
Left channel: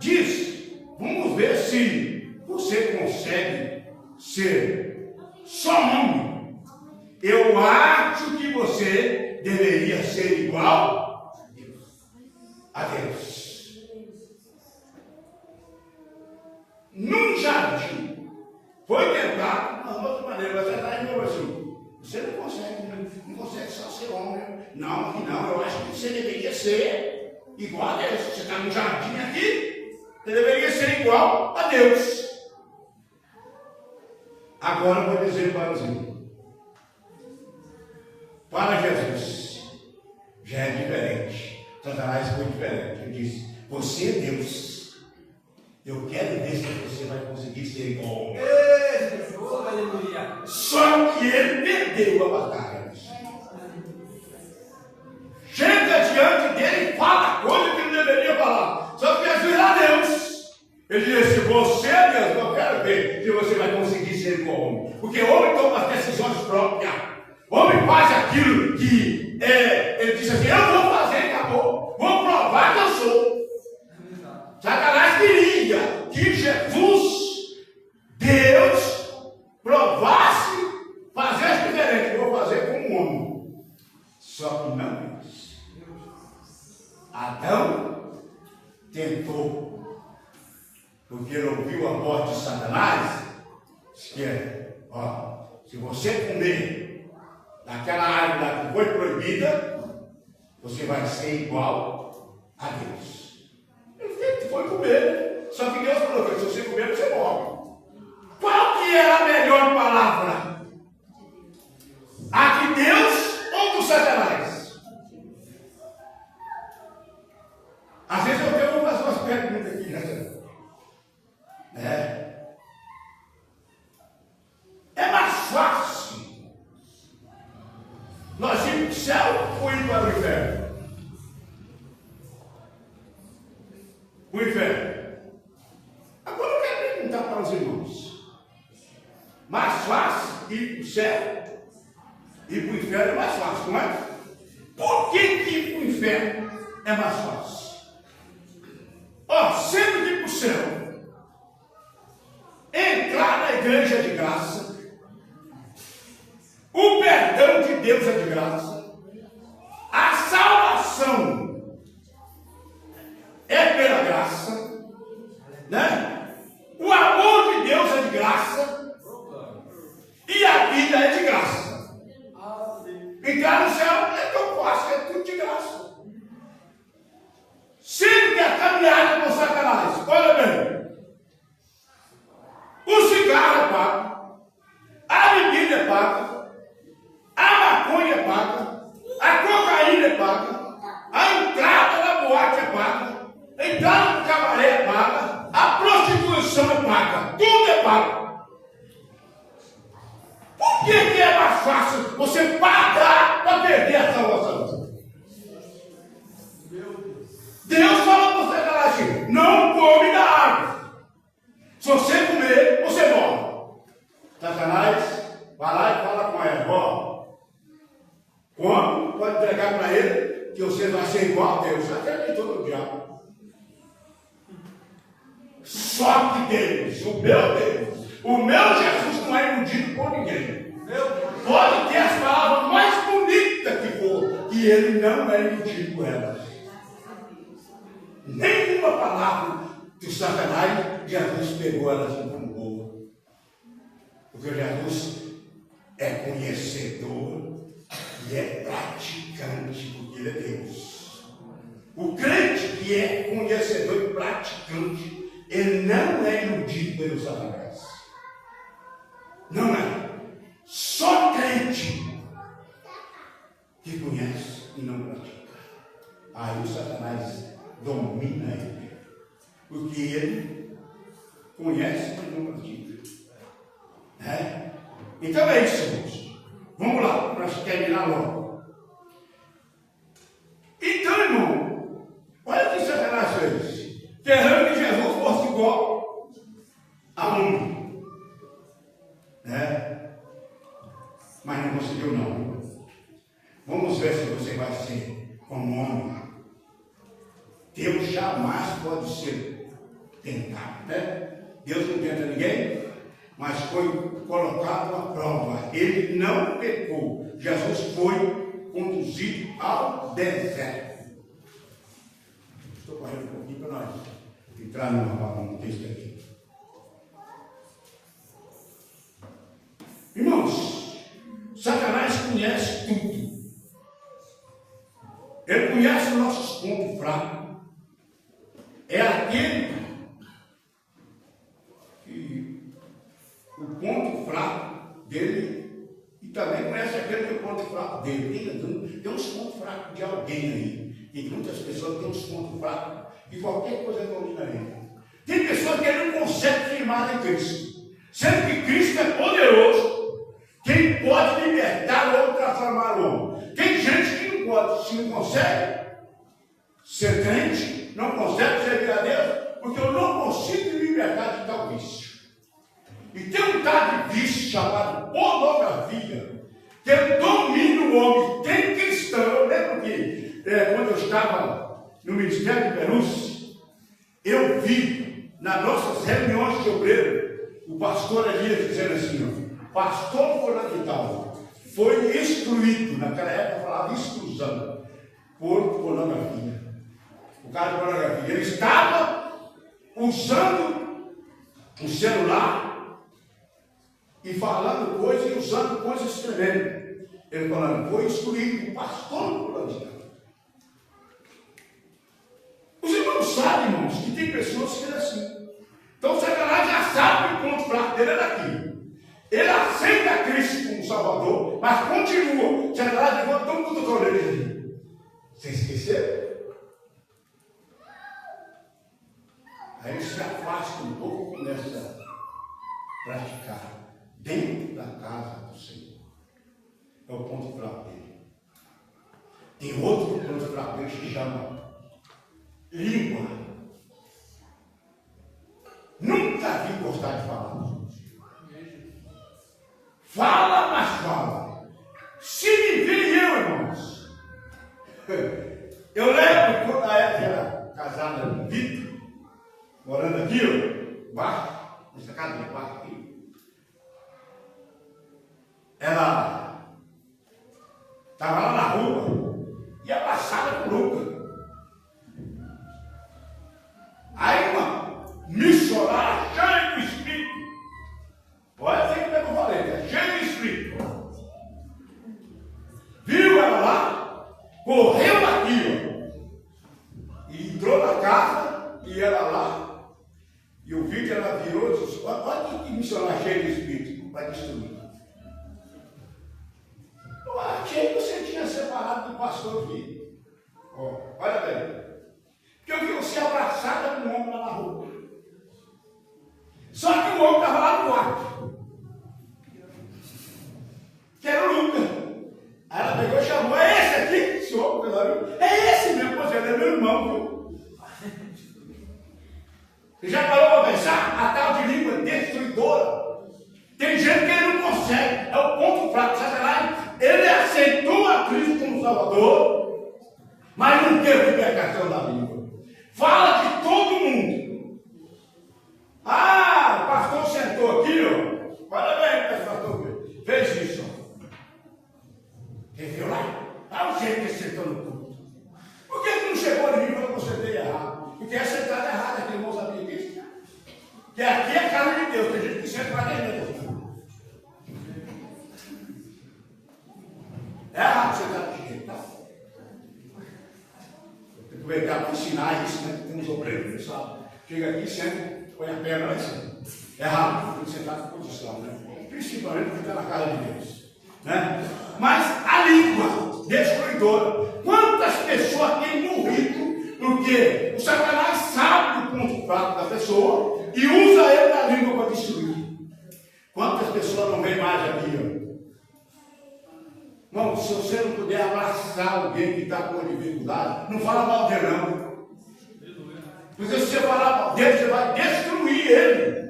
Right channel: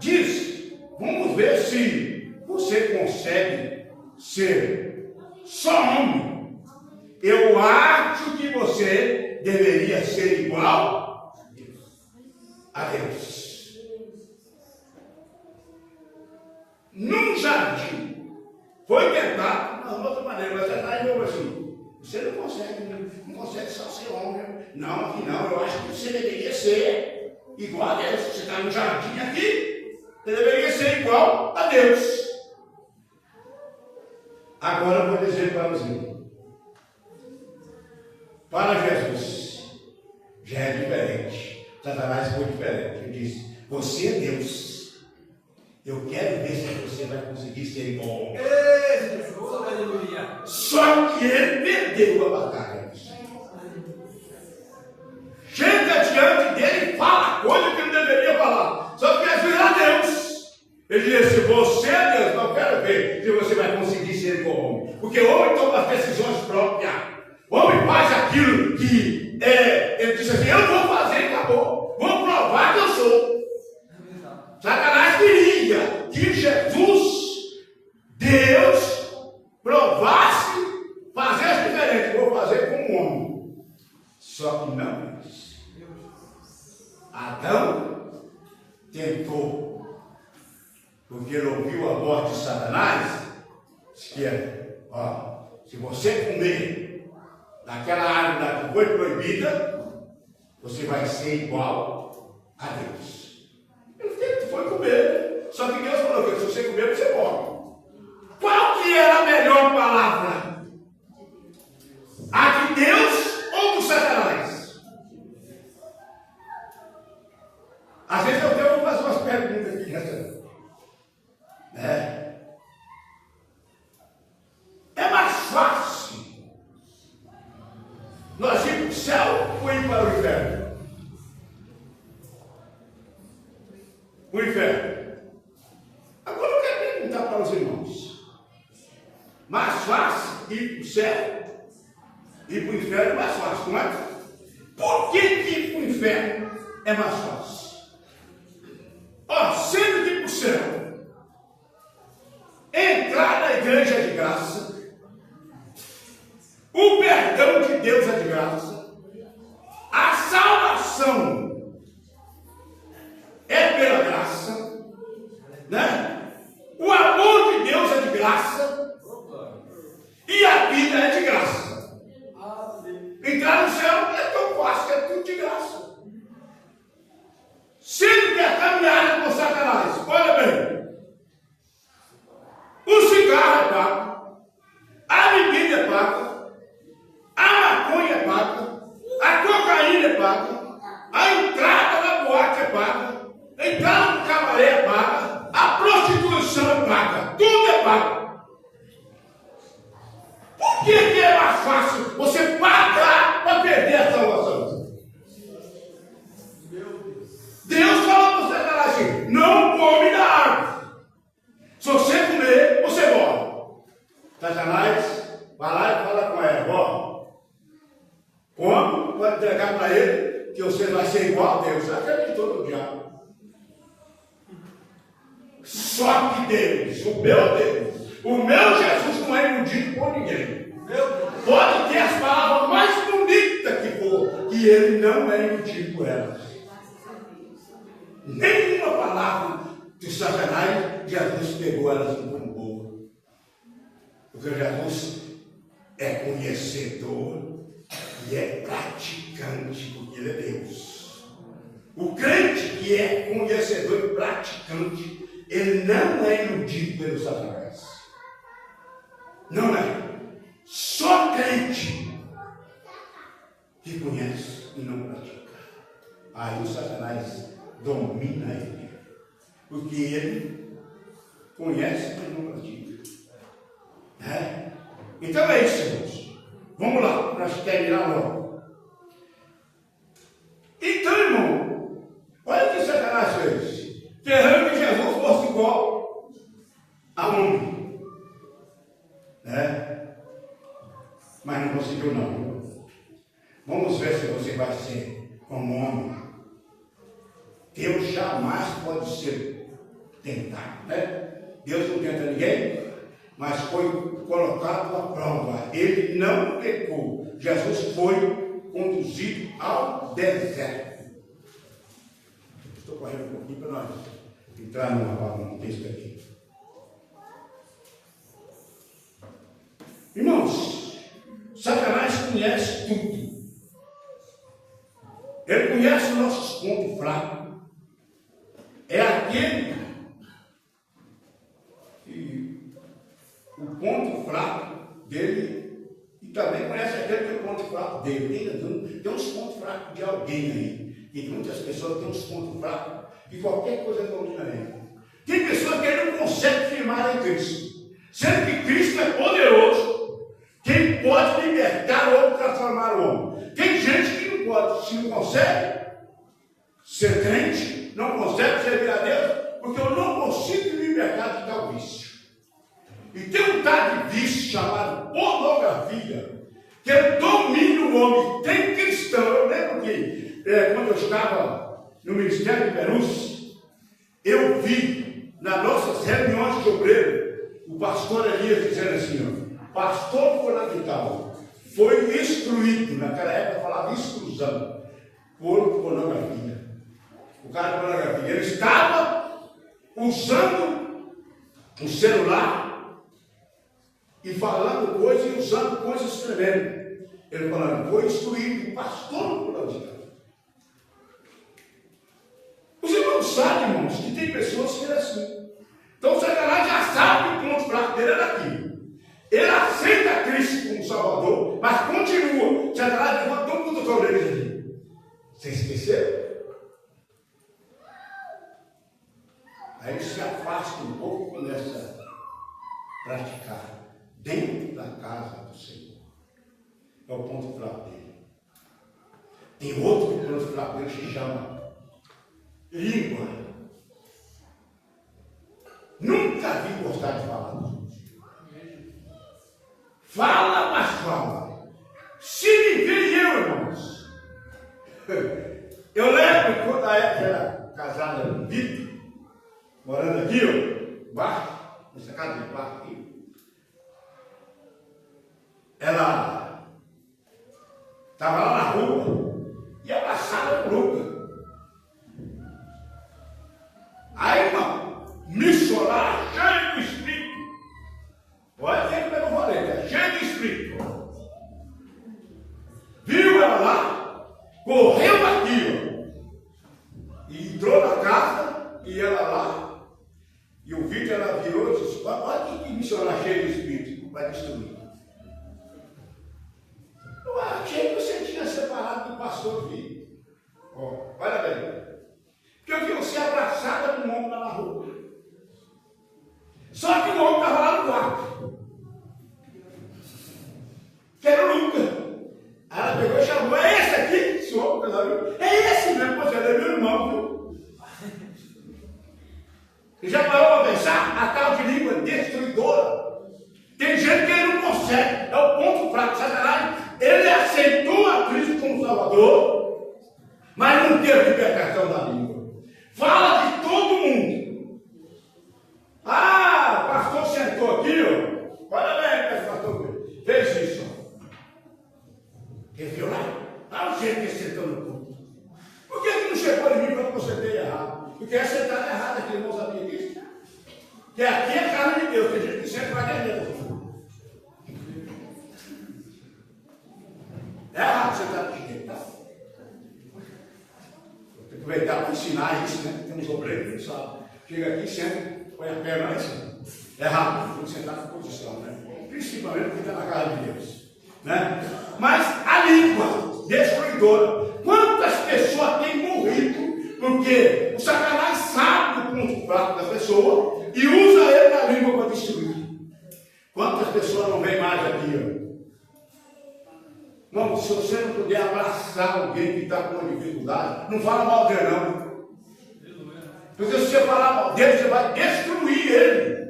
Diz: vamos ver se você consegue ser só homem. Eu acho que você deveria ser igual a Deus. Num jardim foi tentado de uma outra maneira, mas você está indo assim: você não consegue só ser homem. Não, eu acho que você deveria ser igual a Deus. Você está no jardim aqui, você deveria ser igual a Deus. Agora eu vou dizer para você: para Jesus já é diferente. Satanás foi diferente. Ele disse: você é Deus. Eu quero ver se você vai conseguir ser igual. Só que ele perdeu a batalha. Chega diante dele e fala coisa que não deveria falar. Só que Jesus era Deus. Ele disse: se você é Deus, não quero ver se você vai conseguir ser igual homem. Porque o homem toma as decisões próprias. O homem faz aquilo que ele diz assim, eu vou fazer, acabou. Vou provar que eu sou. Satanás queria que Jesus, Deus, provasse fazer diferente. Vou fazer com um homem. Só que não quis. Adão tentou, porque ele ouviu a voz de Satanás, disse que se você comer daquela árvore lá que foi proibida, você vai ser igual a Deus. Ele foi comer, só que Deus falou que se você comer, você morre. Qual que era a melhor palavra? A de Deus ou do Satanás? Às vezes eu tenho que fazer umas perguntas aqui, né? É mais fácil nós ir para o céu ou ir para o inferno? O inferno. Agora eu quero perguntar para os irmãos. Mais fácil ir para o céu? Ir para o inferno é mais fácil, não é? Por que ir para o inferno é mais fácil? Sendo que ir para o céu, entrar na igreja de graça, o perdão de Deus é de graça, a salvação é pela graça, né? O amor de Deus é de graça e a vida é de graça. Entrar no céu não é tão fácil, é tudo de graça. Sendo que a caminhada com Satanás, olha bem, o cigarro é pago, a bebida é paga, a maconha é paga, a cocaína é paga, a entrada na boate é paga, a entrada no cabaré é paga, a prostituição é paga, tudo é pago. Por que é mais fácil você pagar para perder a salvação? Deus falou para Satanás assim, não come da árvore. Se você comer, você morre. Satanás vai lá e fala com ela, come, pode entregar para ele, que você vai ser igual a Deus. Acreditou no diabo. Só que Deus, o meu Jesus não é iludido por ninguém. Pode ter as palavras mais bonitas que for, que ele não é iludido por elas. Nenhuma palavra de Satanás, Jesus pegou elas como boa. Porque Jesus é conhecedor e é praticante, porque ele é Deus. O crente que é conhecedor e praticante, ele não é iludido pelo Satanás. Não é. Só crente que conhece e não pratica. Aí o Satanás domina ele, porque ele conhece, mas não pratica. Né? Então é isso, irmãos. Vamos lá, para terminar logo. Então, irmão, olha o que Satanás fez. Querendo que Jesus fosse igual a homem. Né? Mas não conseguiu, não. Vamos ver se você vai ser como homem. Deus jamais pode ser tentado, né? Deus não tenta ninguém, mas foi colocado à prova. Ele não pecou. Jesus foi conduzido ao deserto. Estou correndo um pouquinho para nós entrar num texto aqui. Irmãos, Satanás conhece tudo. Ele conhece os nossos pontos fracos. É aquele que o ponto fraco dele, e também conhece aquele que é o ponto fraco dele. Tem uns pontos fracos de alguém aí. E muitas pessoas têm uns pontos fracos de qualquer coisa domina ele. Tem pessoas que ele não consegue firmar em Cristo. Sendo que Cristo é poderoso, quem pode libertar ou transformar o homem. Tem gente que não pode, se não consegue ser crente, não consegue servir a Deus, porque eu não consigo me libertar de tal vício. E tem um tal de vício chamado pornografia, que domina o homem. Tem cristão. Eu lembro que quando eu estava no Ministério de Perus, eu vi nas nossas reuniões de obreiro, o pastor Elias dizendo assim, ó, pastor fulano de tal, foi instruído, naquela época falava instrução, por pornografia. O cara de pornografia, ele estava usando o celular e falando coisas e usando coisas tremendas. Ele falando, foi instruído, o pastor fulano de tal. Os irmãos sabem, irmãos, que tem pessoas que é assim. Então o Satanás já sabe que o ponto fraco dele é daqui. Ele aceita Cristo como Salvador, mas continua. O Satanás levanta todo mundo com ele. Você esqueceu? Aí ele se afasta um pouco e começa a praticar dentro da casa do Senhor. É o ponto fraco dele. Tem outro ponto fraco dele que chama língua. Nunca vi gostar de falar. Fala, mas fala. Se me vê eu, irmãos. Eu lembro quando a época era casada com o Vitor, morando aqui, ó, embaixo, nessa casa de baixo aqui. Ela estava lá na rua e abraçada por Lucas. Aí uma missionária cheia do Espírito, pode ser como é que eu falei, né? Cheia do Espírito, viu ela lá, correu aqui, ó, e entrou na casa, e ela lá, e o vídeo ela virou e disse, olha que missionária cheia do Espírito, vai destruir. Eu achei que você tinha separado do pastor Vitor. Ó, olha bem. Porque eu vi você abraçada com um homem lá na rua. Só que o homem estava lá no quarto. Que era o Lucas. Aí ela pegou e chamou, é esse aqui? Esse homem, é esse mesmo, pois ele é meu irmão, viu? Você já parou para pensar? A tal de língua destruidora. Tem gente que ele não consegue. É o ponto fraco. Satanás, ele aceitou a Cristo como Salvador, mas não teve libertação da língua. Fala de todo mundo. Ah, o pastor sentou aqui, ó. Olha bem, pastor, fez isso. Você viu lá? Olha o jeito que ele sentou no culto. Por que não chegou em mim quando você sentei errado? Porque é sentado errado aqui, irmão, sabia disso? Que aqui é a casa de Deus, tem gente que senta para dentro. É errado sentar de jeito, tá? Aproveitar para ensinar isso, né? Tem uns obreiros que sabem. Chega aqui, senta, põe a perna lá em cima. É errado, tem que sentar com posição, né? Principalmente porque está na casa de Deus. Né? Mas a língua destruidora. Quantas pessoas têm morrido porque o Satanás sabe o ponto fraco da pessoa e usa ele na língua para destruir? Quantas pessoas não vêm mais aqui, ó? Não, se você não puder abraçar alguém que está com uma dificuldade, não fala mal dele, não. Porque se você falar mal dele, você vai destruir ele.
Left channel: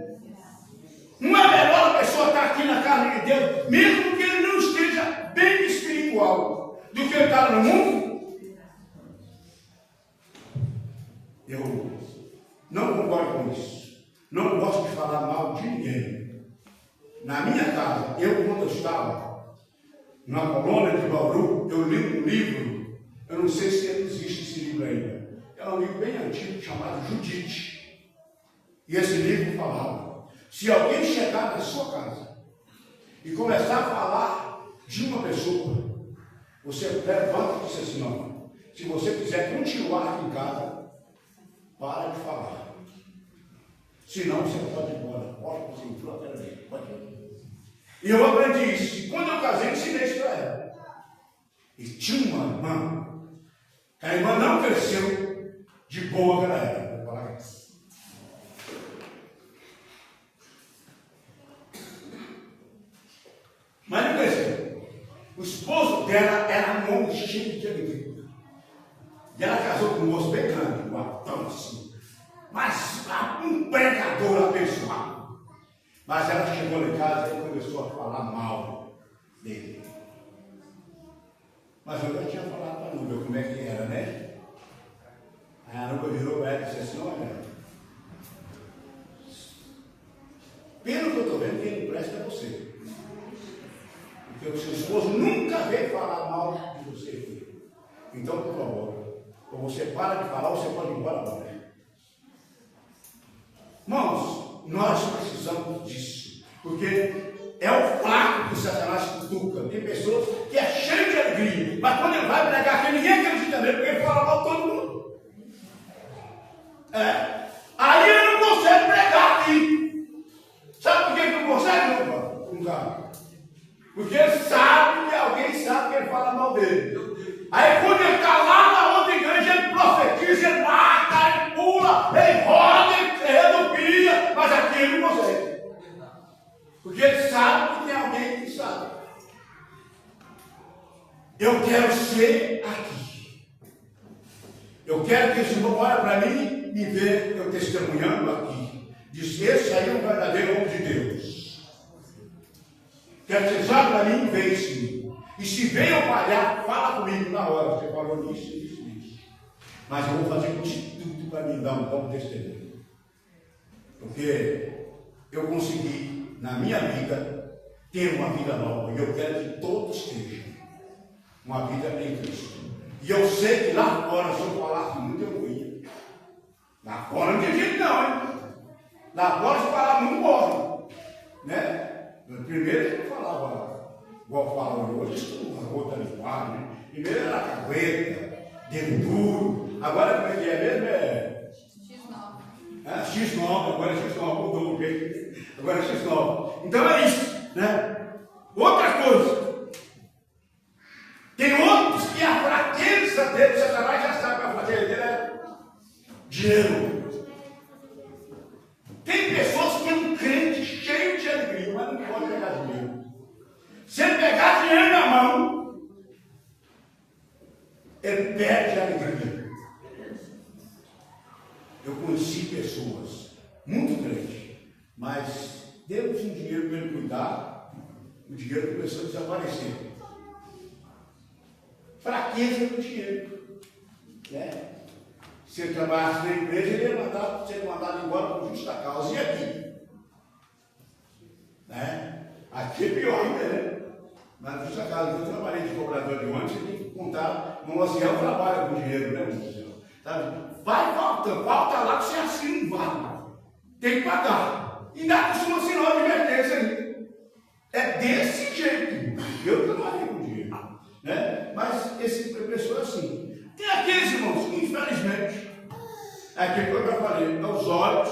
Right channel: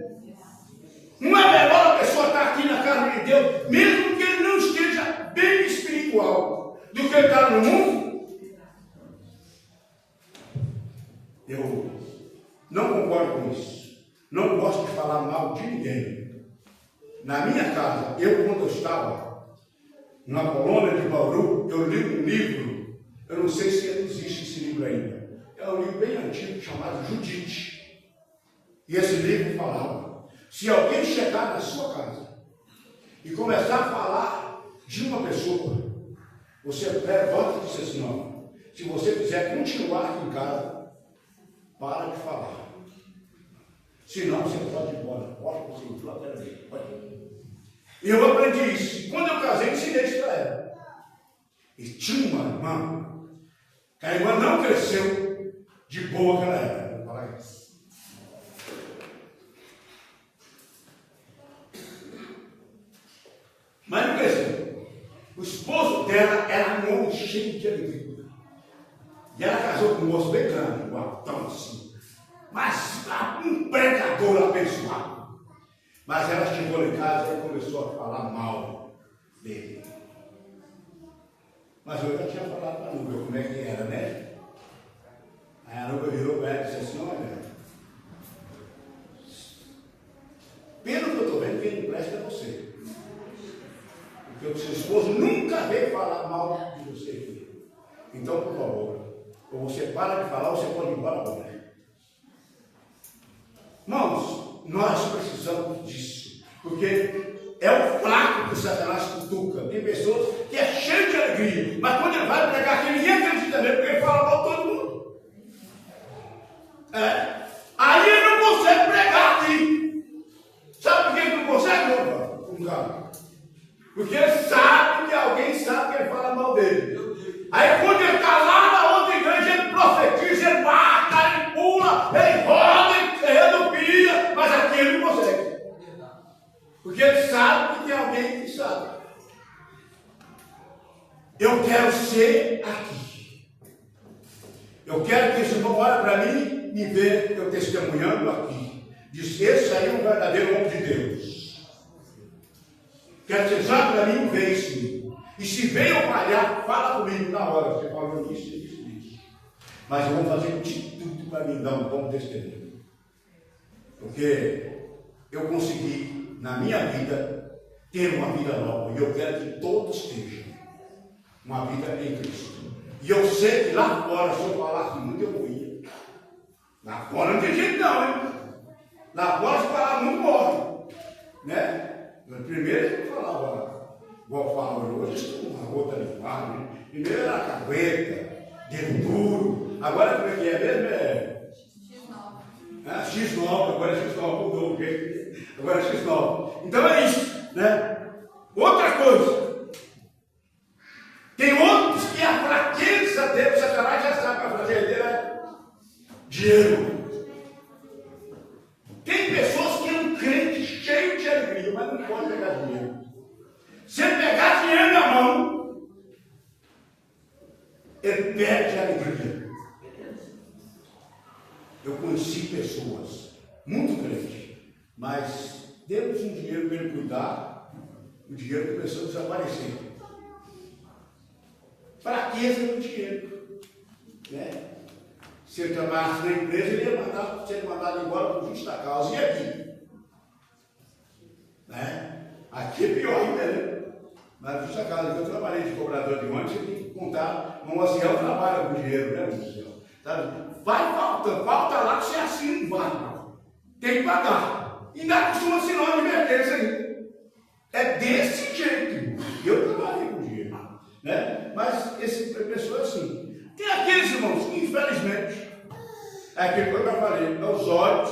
Não é melhor a pessoa estar aqui na casa de Deus, mesmo que ele não esteja bem espiritual, do que ele está no mundo? Eu não concordo com isso. Não gosto de falar mal de ninguém. Na minha casa, quando eu estava na colônia de Bauru, eu li um livro, eu não sei se existe esse livro ainda. É um livro bem antigo chamado Judite. E esse livro falava: se alguém chegar na sua casa e começar a falar de uma pessoa, você levanta e diz assim: não, se você quiser continuar aqui em casa, para de falar. Senão você pode ir embora. Pode, você entrou até ali. Pode. E eu aprendi isso. E quando eu casei, ensinei isso para ela. E tinha uma irmã, que a irmã não cresceu de boa que ela era. Mas não cresceu. O esposo dela era um homem cheio de alegria. E ela casou com um moço bem grande, um altão assim. Mas um pregador abençoado. Mas ela chegou em casa e começou a falar mal dele. Mas eu já tinha falado para a Nubia como é que era, né? Aí a Nubia virou para ela e disse assim: olha, pelo que eu estou vendo, quem não presta é você. Porque o seu esposo nunca veio falar mal de você aqui. Então, por favor, ou você para de falar ou você pode ir embora agora. Irmãos, nós precisamos disso. Porque é o fraco que o Satanás cutuca. Tem pessoas que é cheio de alegria, mas quando ele vai pregar aqui, ninguém acredita nele, porque ele fala mal de todo mundo. Aí ele não consegue pregar aqui. Sabe por que ele não consegue, não? Porque ele sabe que alguém sabe que ele fala mal dele. Aí quando ele está lá na outra igreja, ele profetiza, ele mata, ele pula, ele roda, ele redupia, mas aqui ele não consegue. Porque ele sabe que tem alguém que sabe. Eu quero ser aqui. Eu quero que esse irmão olhe para mim e veja eu testemunhando aqui. Diz: esse aí é um verdadeiro homem de Deus. Quero que você olhe para mim e veja isso. E se veio falhar, fala comigo na hora. Você falou isso, isso, isso. Mas eu vou fazer de tudo para me dar um bom testemunho. Porque eu consegui, na minha vida, ter uma vida nova. E eu quero que todos tenham uma vida em Cristo. E eu sei que lá fora, se eu falasse muito, eu morria. Lá fora não tem jeito não, hein? Lá fora, se falar muito, morre. Né? Primeiro eu falava, igual falava hoje, isso é uma outra linguagem, né? Primeiro era cagueta, dedo duro. Agora como é que é mesmo? X9, agora é X9, mudou o jeito. Agora é X9. Então é isso, né? Outra coisa. Tem outros que a fraqueza dele, Satanás já sabe que a fraqueza dele é dinheiro. Tem pessoas que é um crente cheio de alegria, mas não pode pegar dinheiro. Se ele pegar dinheiro na mão, ele perde a alegria. Eu conheci pessoas muito crentes, mas demos um dinheiro para ele cuidar, o dinheiro começou a desaparecer. Fraqueza do dinheiro. Né? Se ele trabalhasse na empresa, ele ia ser mandado embora por justa causa. E aqui? Né? Aqui é pior ainda, né? Mas por justa causa, eu trabalhei de cobrador de ônibus, você tem que contar, no ancião trabalha com dinheiro, né, ancião? Tá? Vai falta lá que você assina, não vai. Tem que pagar. E ainda costuma assinar uma advertência aí. É desse jeito. Eu trabalhei com dinheiro. Né? Mas esse pessoa é assim. Tem aqueles irmãos que, infelizmente, é aquilo que eu já falei, os olhos,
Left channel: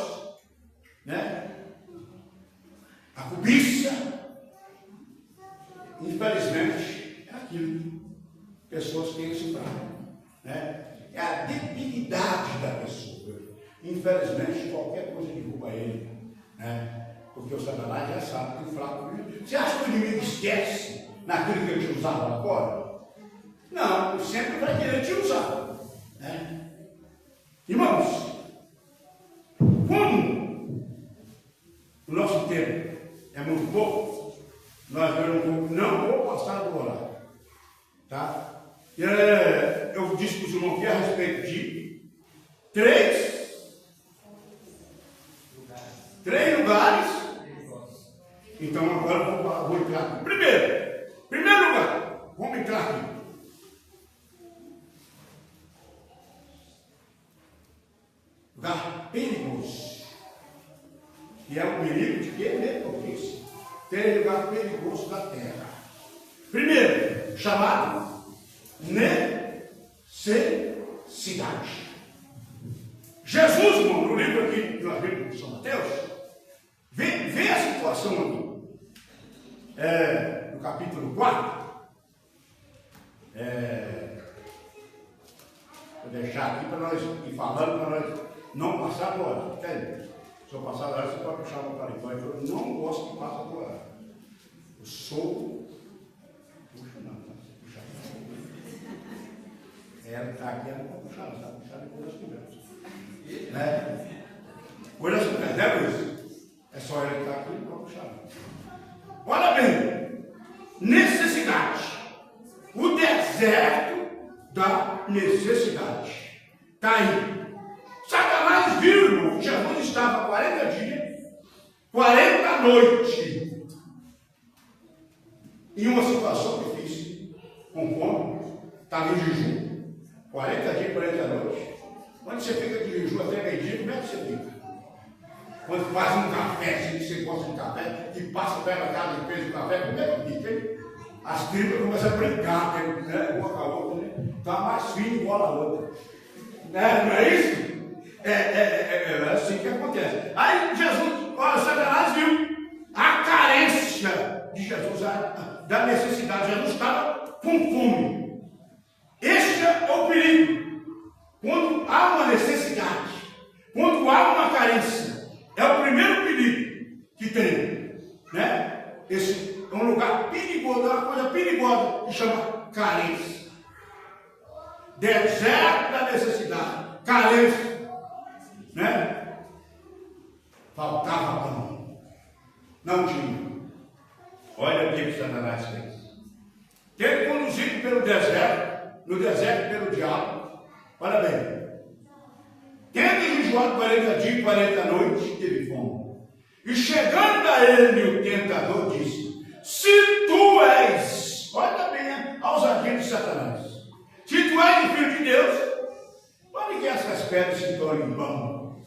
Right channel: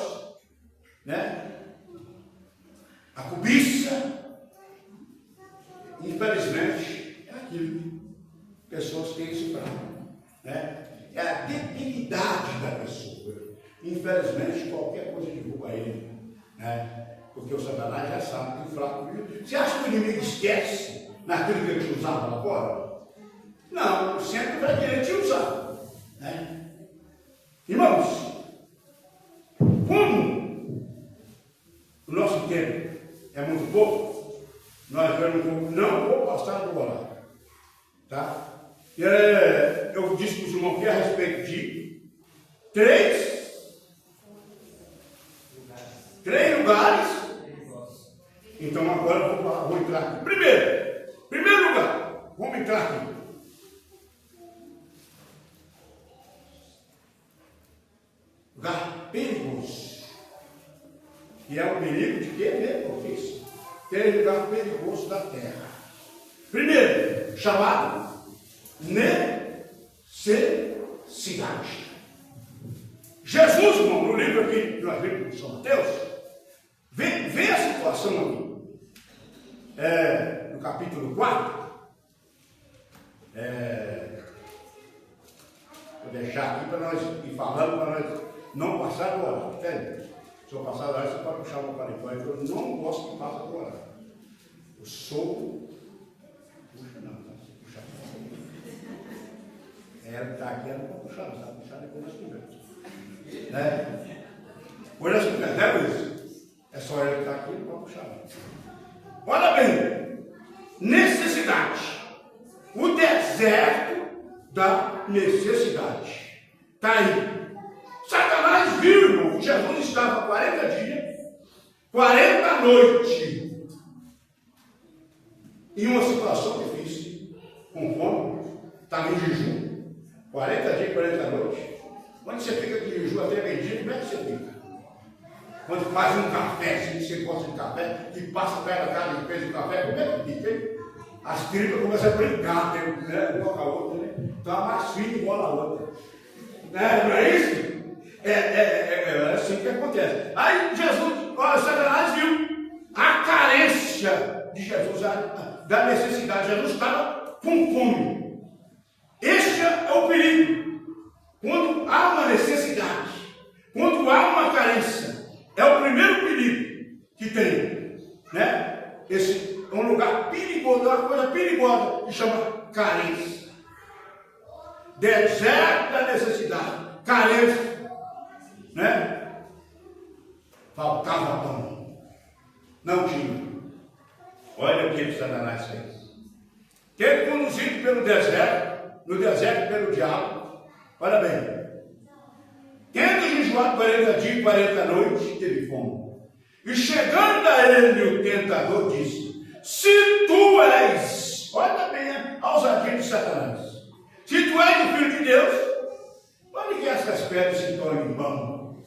né? A cobiça, infelizmente, é aquilo que pessoas têm esse trauma, né? É a debilidade da pessoa. Infelizmente, qualquer coisa derruba ele, né? Porque o Satanás já sabe que o fraco. Você acha que o inimigo esquece naquilo que ele te usava lá fora? Não, ele sempre vai querer te usar, né? Irmãos, como o nosso tempo é muito pouco, não vou passar do horário, tá? Eu disse para os irmãos aqui a respeito de três lugares. Então agora eu vou entrar aqui. Primeiro lugar, vamos entrar aqui. Lugar perigoso. Que é o perigo de quê mesmo? Tem lugar perigoso da terra. Primeiro, chamado necessidade. Jesus, irmão, no livro aqui, na Bíblia de São Mateus, vê a situação aqui. No capítulo 4. Vou deixar aqui para nós ir falando, para nós não passar do horário. Entende? Se eu passar do horário, você pode puxar uma paletó. Eu não gosto que passe do horário. Eu sou. Puxa, não, puxa. Ela está aqui, ela não pode puxar, não sabe puxar depois das conversas. Né? Depois das conversas, né, Luiz? É só ela que está aqui, não pode Olha bem, necessidade. O deserto da necessidade. Está aí. Satanás viu, irmão, que Jesus estava 40 dias, 40 noites, em uma situação difícil, com fome, estava em jejum, 40 dias, 40 noites. Quando você fica de jejum até meio-dia, como é que você fica? Quando faz um café, se você gosta de café, e passa pela casa e fez o café, como é que fica, hein? As tripas começam a brincar, né? Uma com a outra, né? Então a mais fina igual a outra. Não é isso? É assim que acontece. Aí Jesus, olha, Satanás viu a carência de Jesus, da necessidade. Jesus estava com fome. Este é o perigo. Quando há uma necessidade, quando há uma carência, é o primeiro perigo que tem, né? Esse é um lugar perigoso, é uma coisa perigosa que chama carência. Deserto da necessidade, carência, né? Faltava pão, não tinha. Olha o que Satanás fez. Ele conduzido pelo deserto, no deserto pelo diabo. Olha bem, tendo jejuado 40 dias e 40 noites, teve fome. E chegando a ele o tentador disse: se tu és, olha bem a ousadia de Satanás, se tu és o Filho de Deus, olha que essas pedras se tornem pão.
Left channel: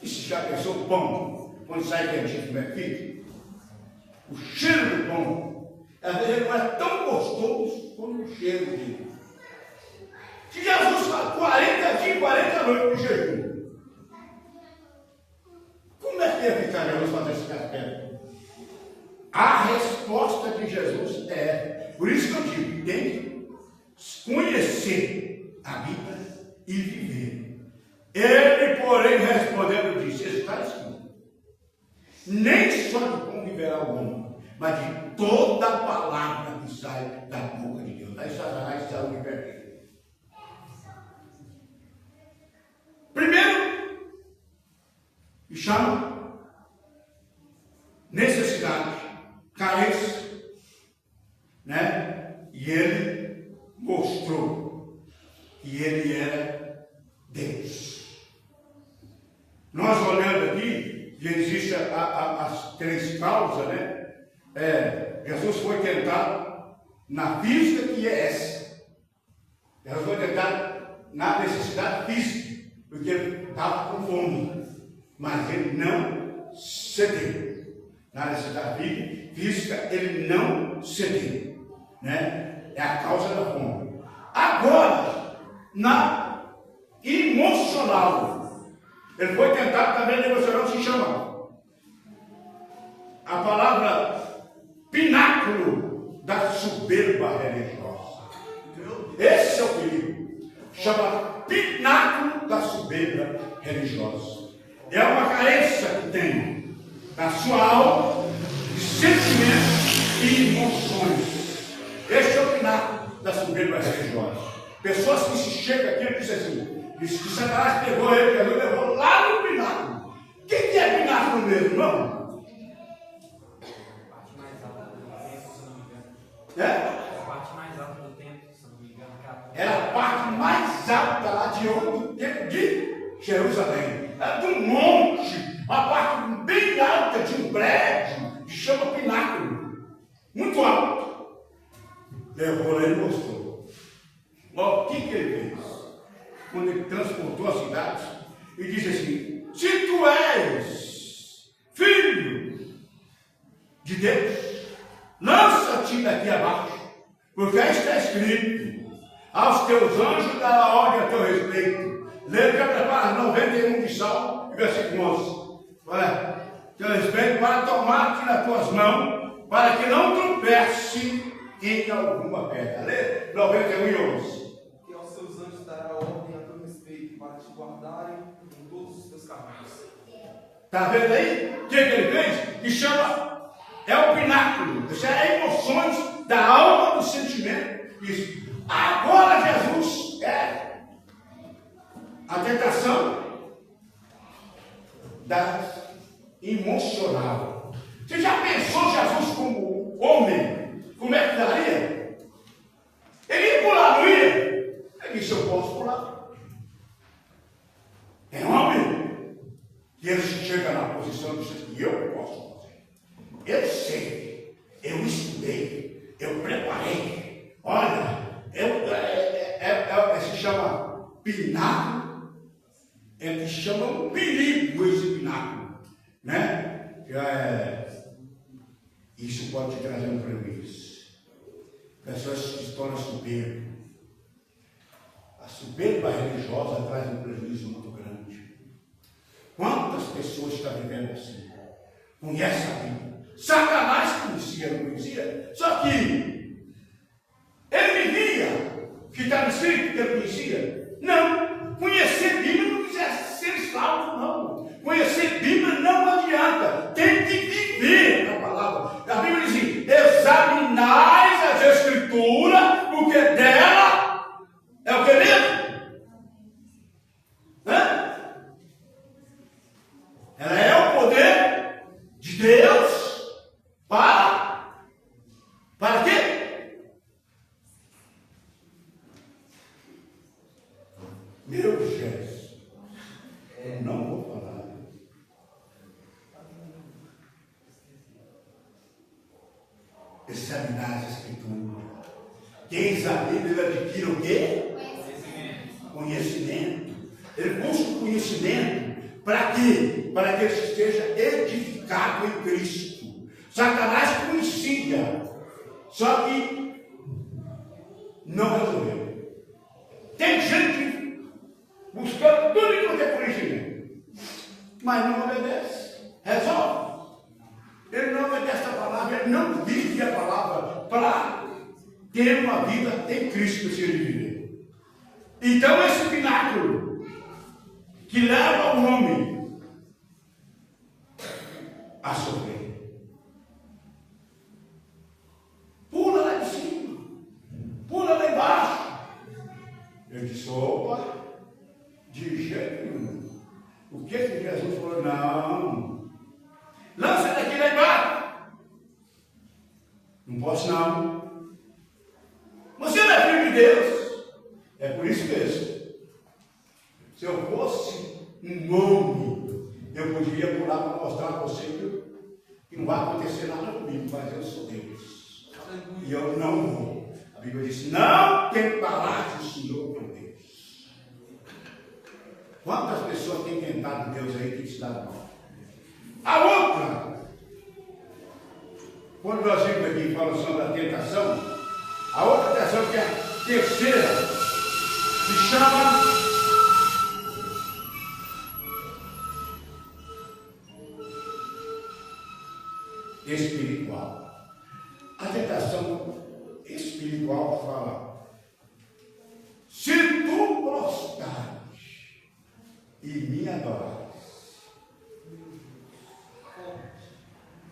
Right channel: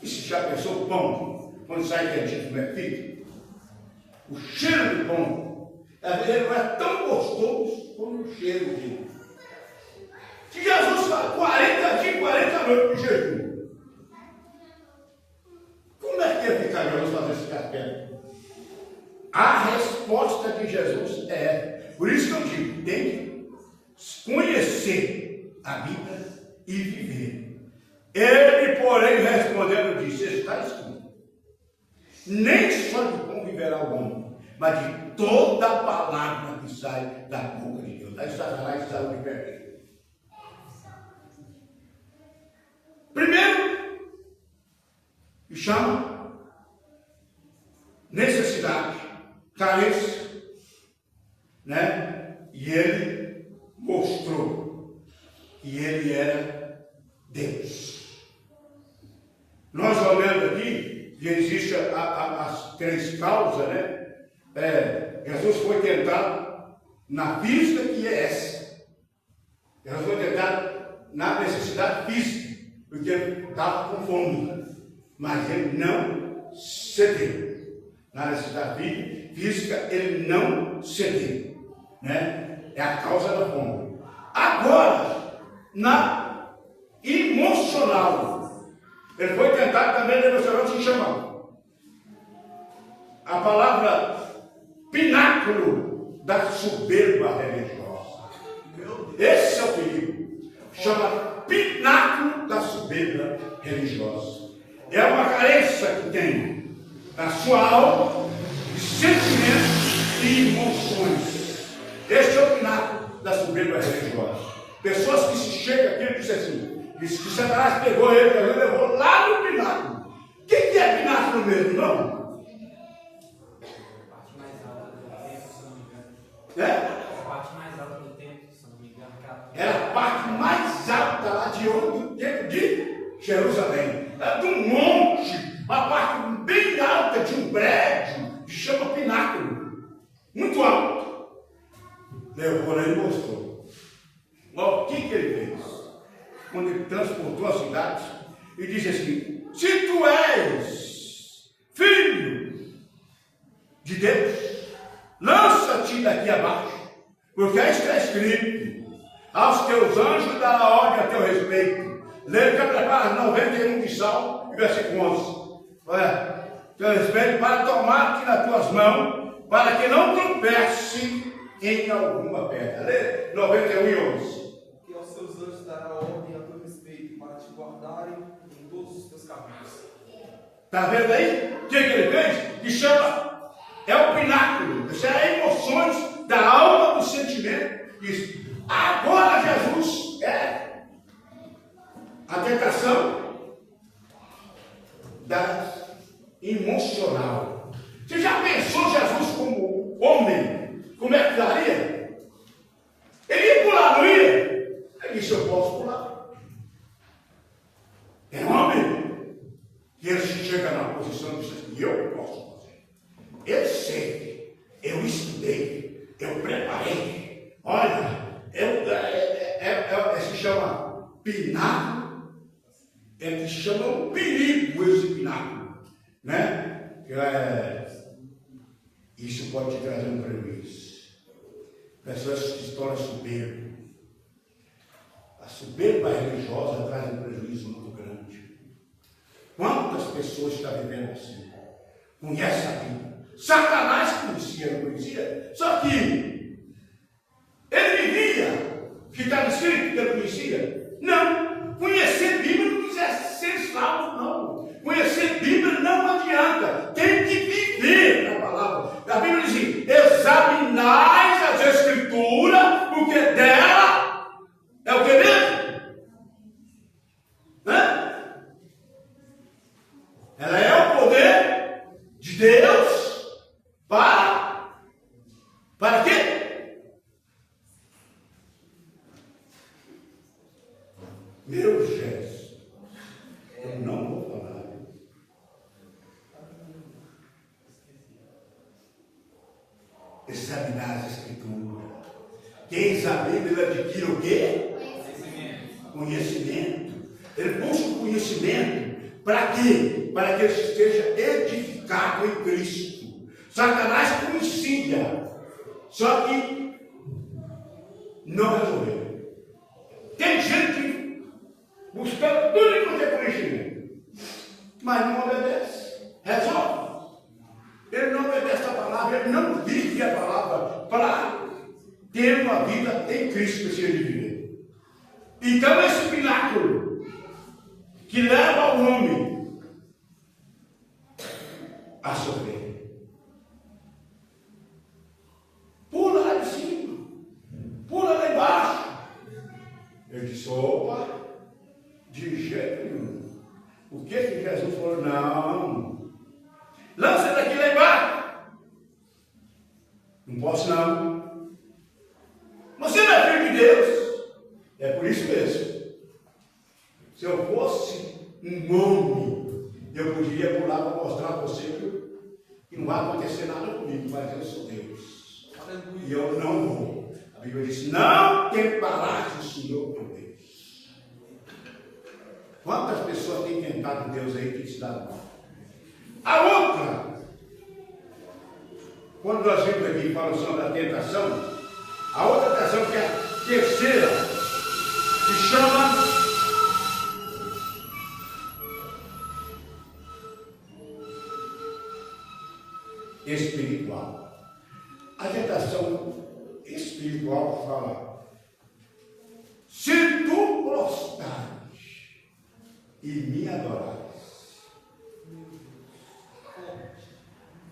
E se já pensou o pão, quando sai quentinho, como é que fica? O cheiro do pão, às vezes ele não é tão gostoso como o cheiro dele. Que Jesus faz 40 dias e 40 noites de jejum. Como é que ia ficar Jesus fazendo esse café? A resposta de Jesus é, por isso que eu digo, tem que conhecer a Bíblia e viver. Ele, porém, respondendo, disse: está escrito, nem só de pão viverá o homem, mas de toda a palavra que sai da boca de Deus. Aí Satanás está o que primeiro, que chama necessidade, carência, né? E ele mostrou que ele era Deus. Nós olhando aqui, e existe as três causas, né? Jesus foi tentado na física, que é essa. Jesus foi tentado na necessidade física, porque ele estava com fome, mas ele não cedeu. Na necessidade física, ele não cedeu, né? É a causa da fome. Agora, na emocional, ele foi tentado também na emocional, se chama a palavra pináculo da soberba religiosa. Esse é o perigo. Chama pináculo da soberba religiosa. É uma carência que tem na sua alma de sentimentos e emoções. Esse é o pináculo da soberba religiosa. Pessoas que se chegam aqui e dizem assim, diz que Satanás pegou ele, Jesus levou lá no pináculo. O que é pináculo mesmo, não? A parte mais alta do templo, se não me engano. Era a parte mais alta lá de onde? Do templo de Jerusalém. Era de um monte, uma parte bem alta de um prédio, que chama pináculo. Muito alto. Levou lá e mostrou. Ó, o que ele fez? Quando ele transportou a cidade, e disse assim: se tu és filho de Deus, lança-te daqui abaixo, porque aí está escrito: aos teus anjos dará ordem a teu respeito. Leia prepara 91 de Salmo, versículo 11. Teu respeito para tomar-te nas tuas mãos, para que não tropece em alguma pedra. Leia 91 e 11. Que aos seus anjos dará ordem a teu respeito, para te guardarem em todos os teus caminhos. Está vendo aí? O que ele fez? Que chama, é o pináculo. Isso é emoções da alma, do sentimento. Isso. Agora Jesus é a tentação das emocional. Você já pensou Jesus como homem? Como é que daria? Ele ia pular, não ia? Ele disse, eu posso pular. É homem. E ele chega na posição de dizer, eu posso fazer. Eu sei, eu estudei, eu preparei. Olha, se chama pináculo. Ele chama um perigo esse pináculo, né? Isso pode te trazer um prejuízo. Pessoas que se tornam soberbas. A soberba religiosa traz um prejuízo muito grande. Quantas pessoas estão vivendo assim? Conhece a Bíblia. Satanás conhecia, não conhecia? Só que ele vivia, que está no Espírito que ele conhecia. Não, conhecer Bíblia não precisa ser salvo, não. Conhecer Bíblia não adianta. Tem que viver a palavra. A Bíblia diz, examinais as Escrituras, porque dela é o que mesmo? Ela é o poder de Deus para quê? Meu Jesus, eu não vou falar. Examinar as Escrituras. Quem examina, ele adquire o quê? Conhecimento. Ele busca o conhecimento. Para quê? Para que ele esteja edificado em Cristo. Satanás conhecia. Só que não resolveu. Tem gente buscando tudo quanto é conhecimento, mas não obedece. Resolve. Ele não obedece a palavra, ele não vive a palavra para ter uma vida em Cristo que ele viver. Então esse pináculo que leva o homem a sofrer, pula lá de cima, pula lá embaixo. Eu disse, opa, de jeito nenhum. O que Jesus falou? Não, lança daqui lá embaixo. Não posso não. Você não é filho de Deus. É por isso mesmo. Se eu fosse um homem, eu poderia pular para mostrar a você que não vai acontecer nada comigo, mas eu sou Deus. E eu não vou. A Bíblia diz, não tentarás o Senhor teu Deus. Quantas pessoas têm tentado Deus aí que te dá mal? A outra, quando nós vimos aqui para o som da tentação, a outra tentação que é a terceira, se chama espiritual. A tentação espiritual fala, se tu prostrares e me adorares.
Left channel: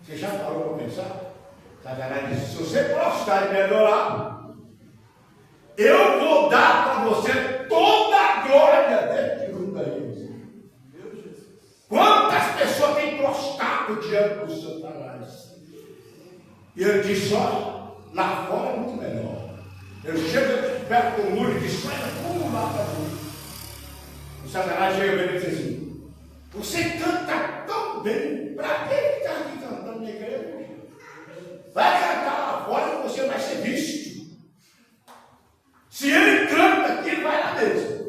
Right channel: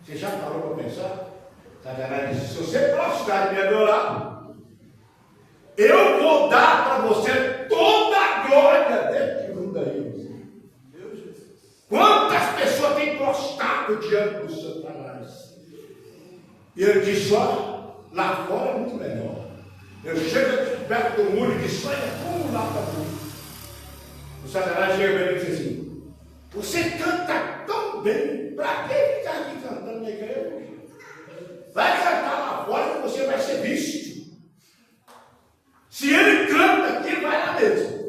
Você já parou para pensar? Satanás disse, se você prostrar e me adorar, eu vou dar para você toda a glória deste mundo aí. Quantas pessoas têm prostrado diante do Satanás? E ele diz, ó, lá fora é muito melhor. Ele chega perto do muro e diz, olha como lá está bonito. O Satanás chega para ele e diz assim, você canta tão bem, para que ficar aqui cantando na igreja? Vai cantar lá fora que você vai ser visto. Se ele canta aqui, ele vai lá mesmo.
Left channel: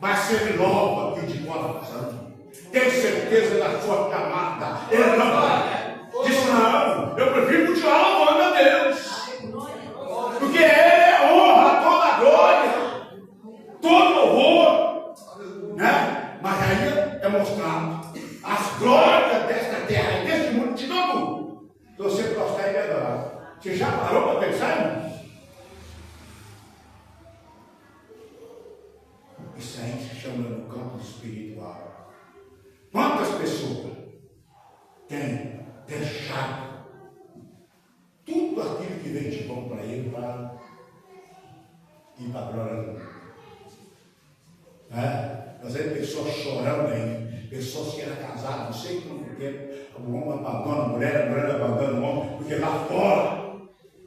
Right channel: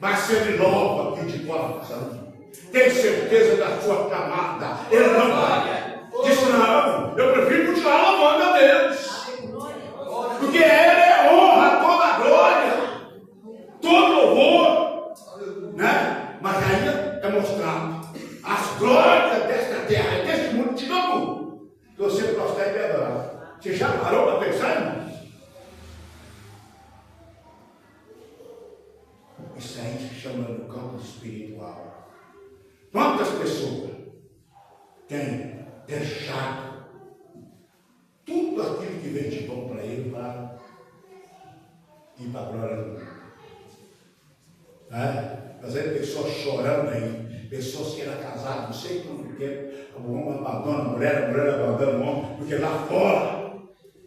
Mas se ele louva aqui de coração, tem certeza da sua camada, ele não vai. Disse, não, eu prefiro continuar louvando a Deus. Porque ele é honra, toda glória, todo louvor, né? Mas aí é mostrado as glórias desta terra, deste mundo, te dou. Se você prostrar e me adorar. Você já parou para pensar, irmão? Isso aí se chama no campo espiritual. Quantas pessoas têm deixado tudo aquilo que vem de bom para ele para ir para a glória do mundo? Mas é pessoas chorando aí, pessoas que eram casadas, não sei quanto tempo, O homem abandona a mulher abandona o homem, porque lá fora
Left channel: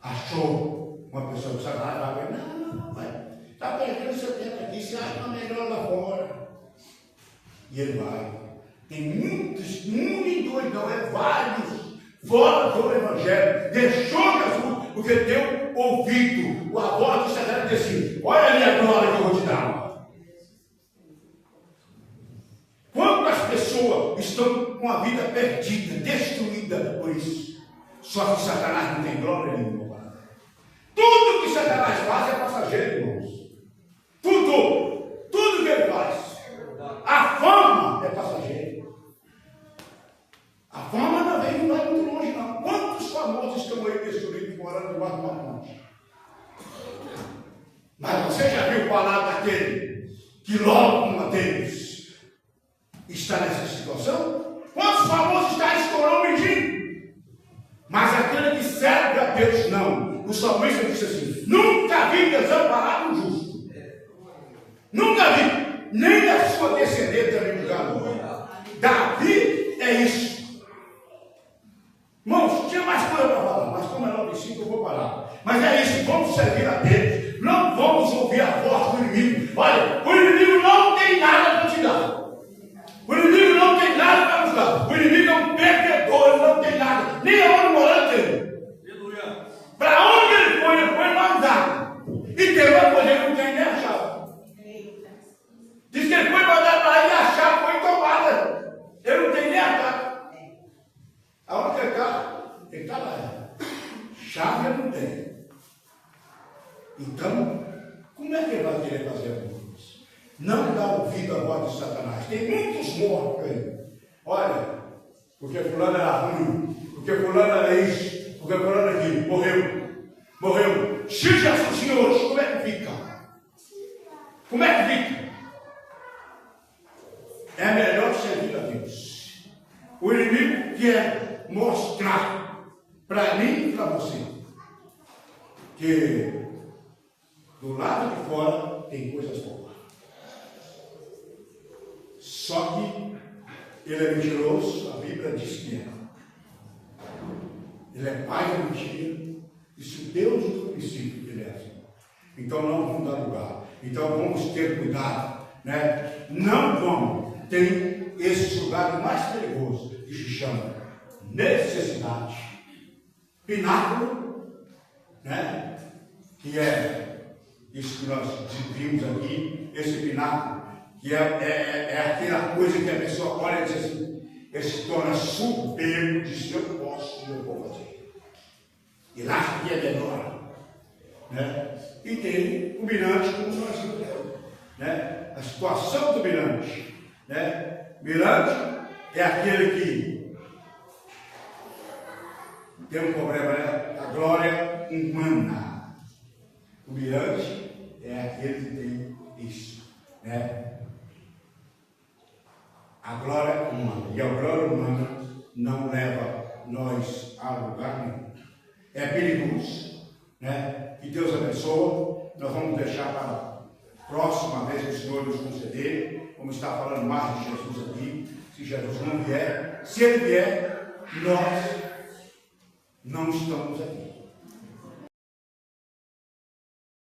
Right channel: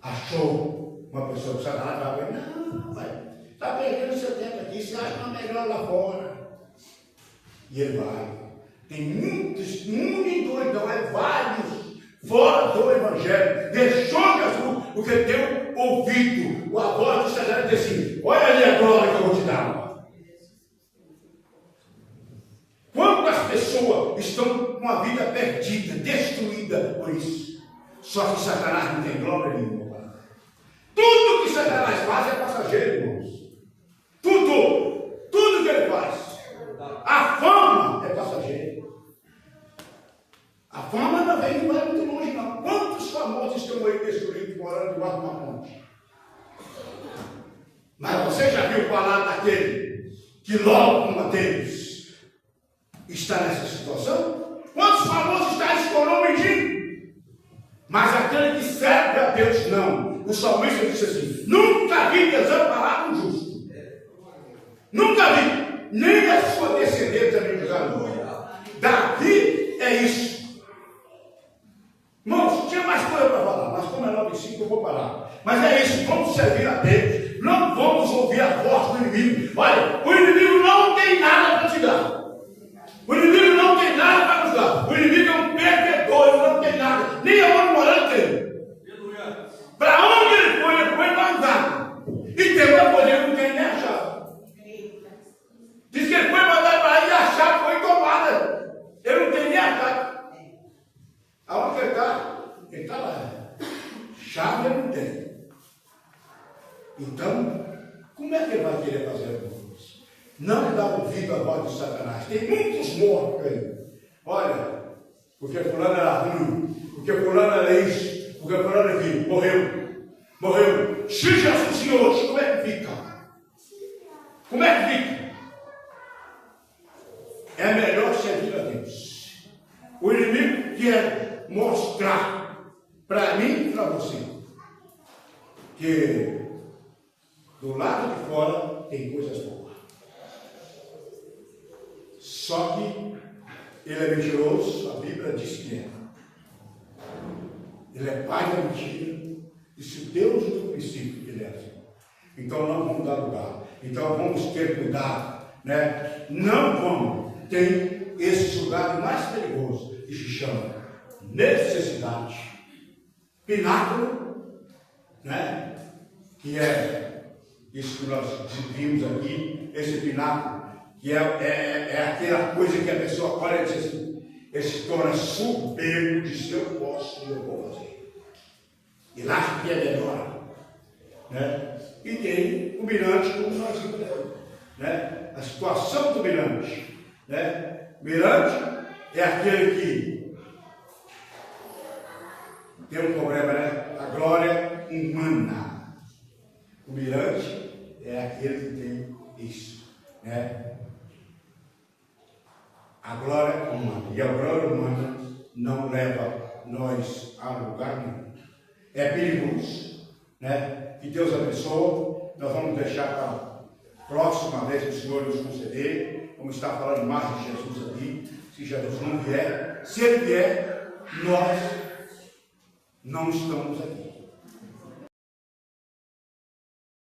achou uma pessoa que Satanás vai ver, não, vai, está perdendo seu tempo aqui, você acha uma melhor lá fora. E ele vai. Tem muitos, muito doidão, vários, fora do Evangelho, deixou Jesus, porque deu ouvido, a voz de Satanás e disse assim, olha ali a glória que eu vou te dar. Quando as pessoas estão com a vida perdida, destruída por isso, só que Satanás não tem glória nenhuma. Tudo que Satanás faz é passageiro, irmãos. Tudo que ele faz. A fama é passageira. A fama não vai muito longe, não. Quantos famosos estão aí destruídos morando debaixo de uma ponte? Mas você já viu falar daquele que logo uma deles está nessa situação? Quantos famosos está estourando mendigo? Mas aquele que serve a Deus, não. O salmista disse assim, nunca vi desamparado um justo. Nunca vi. Nem a sua descendência me julgaram. Davi é isso. Irmãos, tinha mais coisa para falar, mas como é 9:05 eu vou parar. Mas é isso, vamos servir a Deus. Não vamos ouvir a voz do inimigo. Olha, o inimigo não tem nada para te dar. O inimigo não tem nada para nos dar. O inimigo é um perdedor, ele não tem nada. Nem a mão morando tem. Para onde ele foi não nada. E tem uma coisa, ele não tem nem a chave. Diz que ele foi mandar para aí e a chave foi tomada. Ele não tem nem a chave. Aonde ele está? Ele está lá. Chave ele não tem. Então, como é que ele vai querer fazer a coisa? Não dá ouvido à voz de Satanás. Tem muitos mortos aí. Olha, porque fulano era ruim, porque fulano era isso, porque fulano era aquilo. Morreu. Se Jesus hoje, como é que fica? Como é que fica? É melhor servir a Deus. O inimigo quer mostrar para mim e para você que do lado de fora tem coisas boas. Só que ele é mentiroso, a Bíblia diz que é. Ele é pai da mentira. E se Deus do princípio que ele é assim. Então não vamos dar lugar. Então vamos ter cuidado. Né? Não vamos. Tem esse lugar mais perigoso que se chama necessidade. Pináculo, né? Que é isso que nós vimos aqui, esse pináculo. Que é aquela coisa que a pessoa olha e diz assim, esse torna soberbo, diz eu posso e eu vou fazer. E acha que é melhor. Né? E tem o mirante como nós vimos. Né? A situação do mirante. Né? Mirante é aquele que tem um problema, né? A glória humana. O mirante é aquele que tem isso. Né? A glória humana. E a glória humana não leva nós a lugar nenhum. É perigoso. Né? Que Deus abençoe. Nós vamos deixar para a próxima vez que o Senhor nos conceder. Vamos estar falando mais de Jesus aqui. Se Jesus não vier, se ele vier, nós não estamos aqui.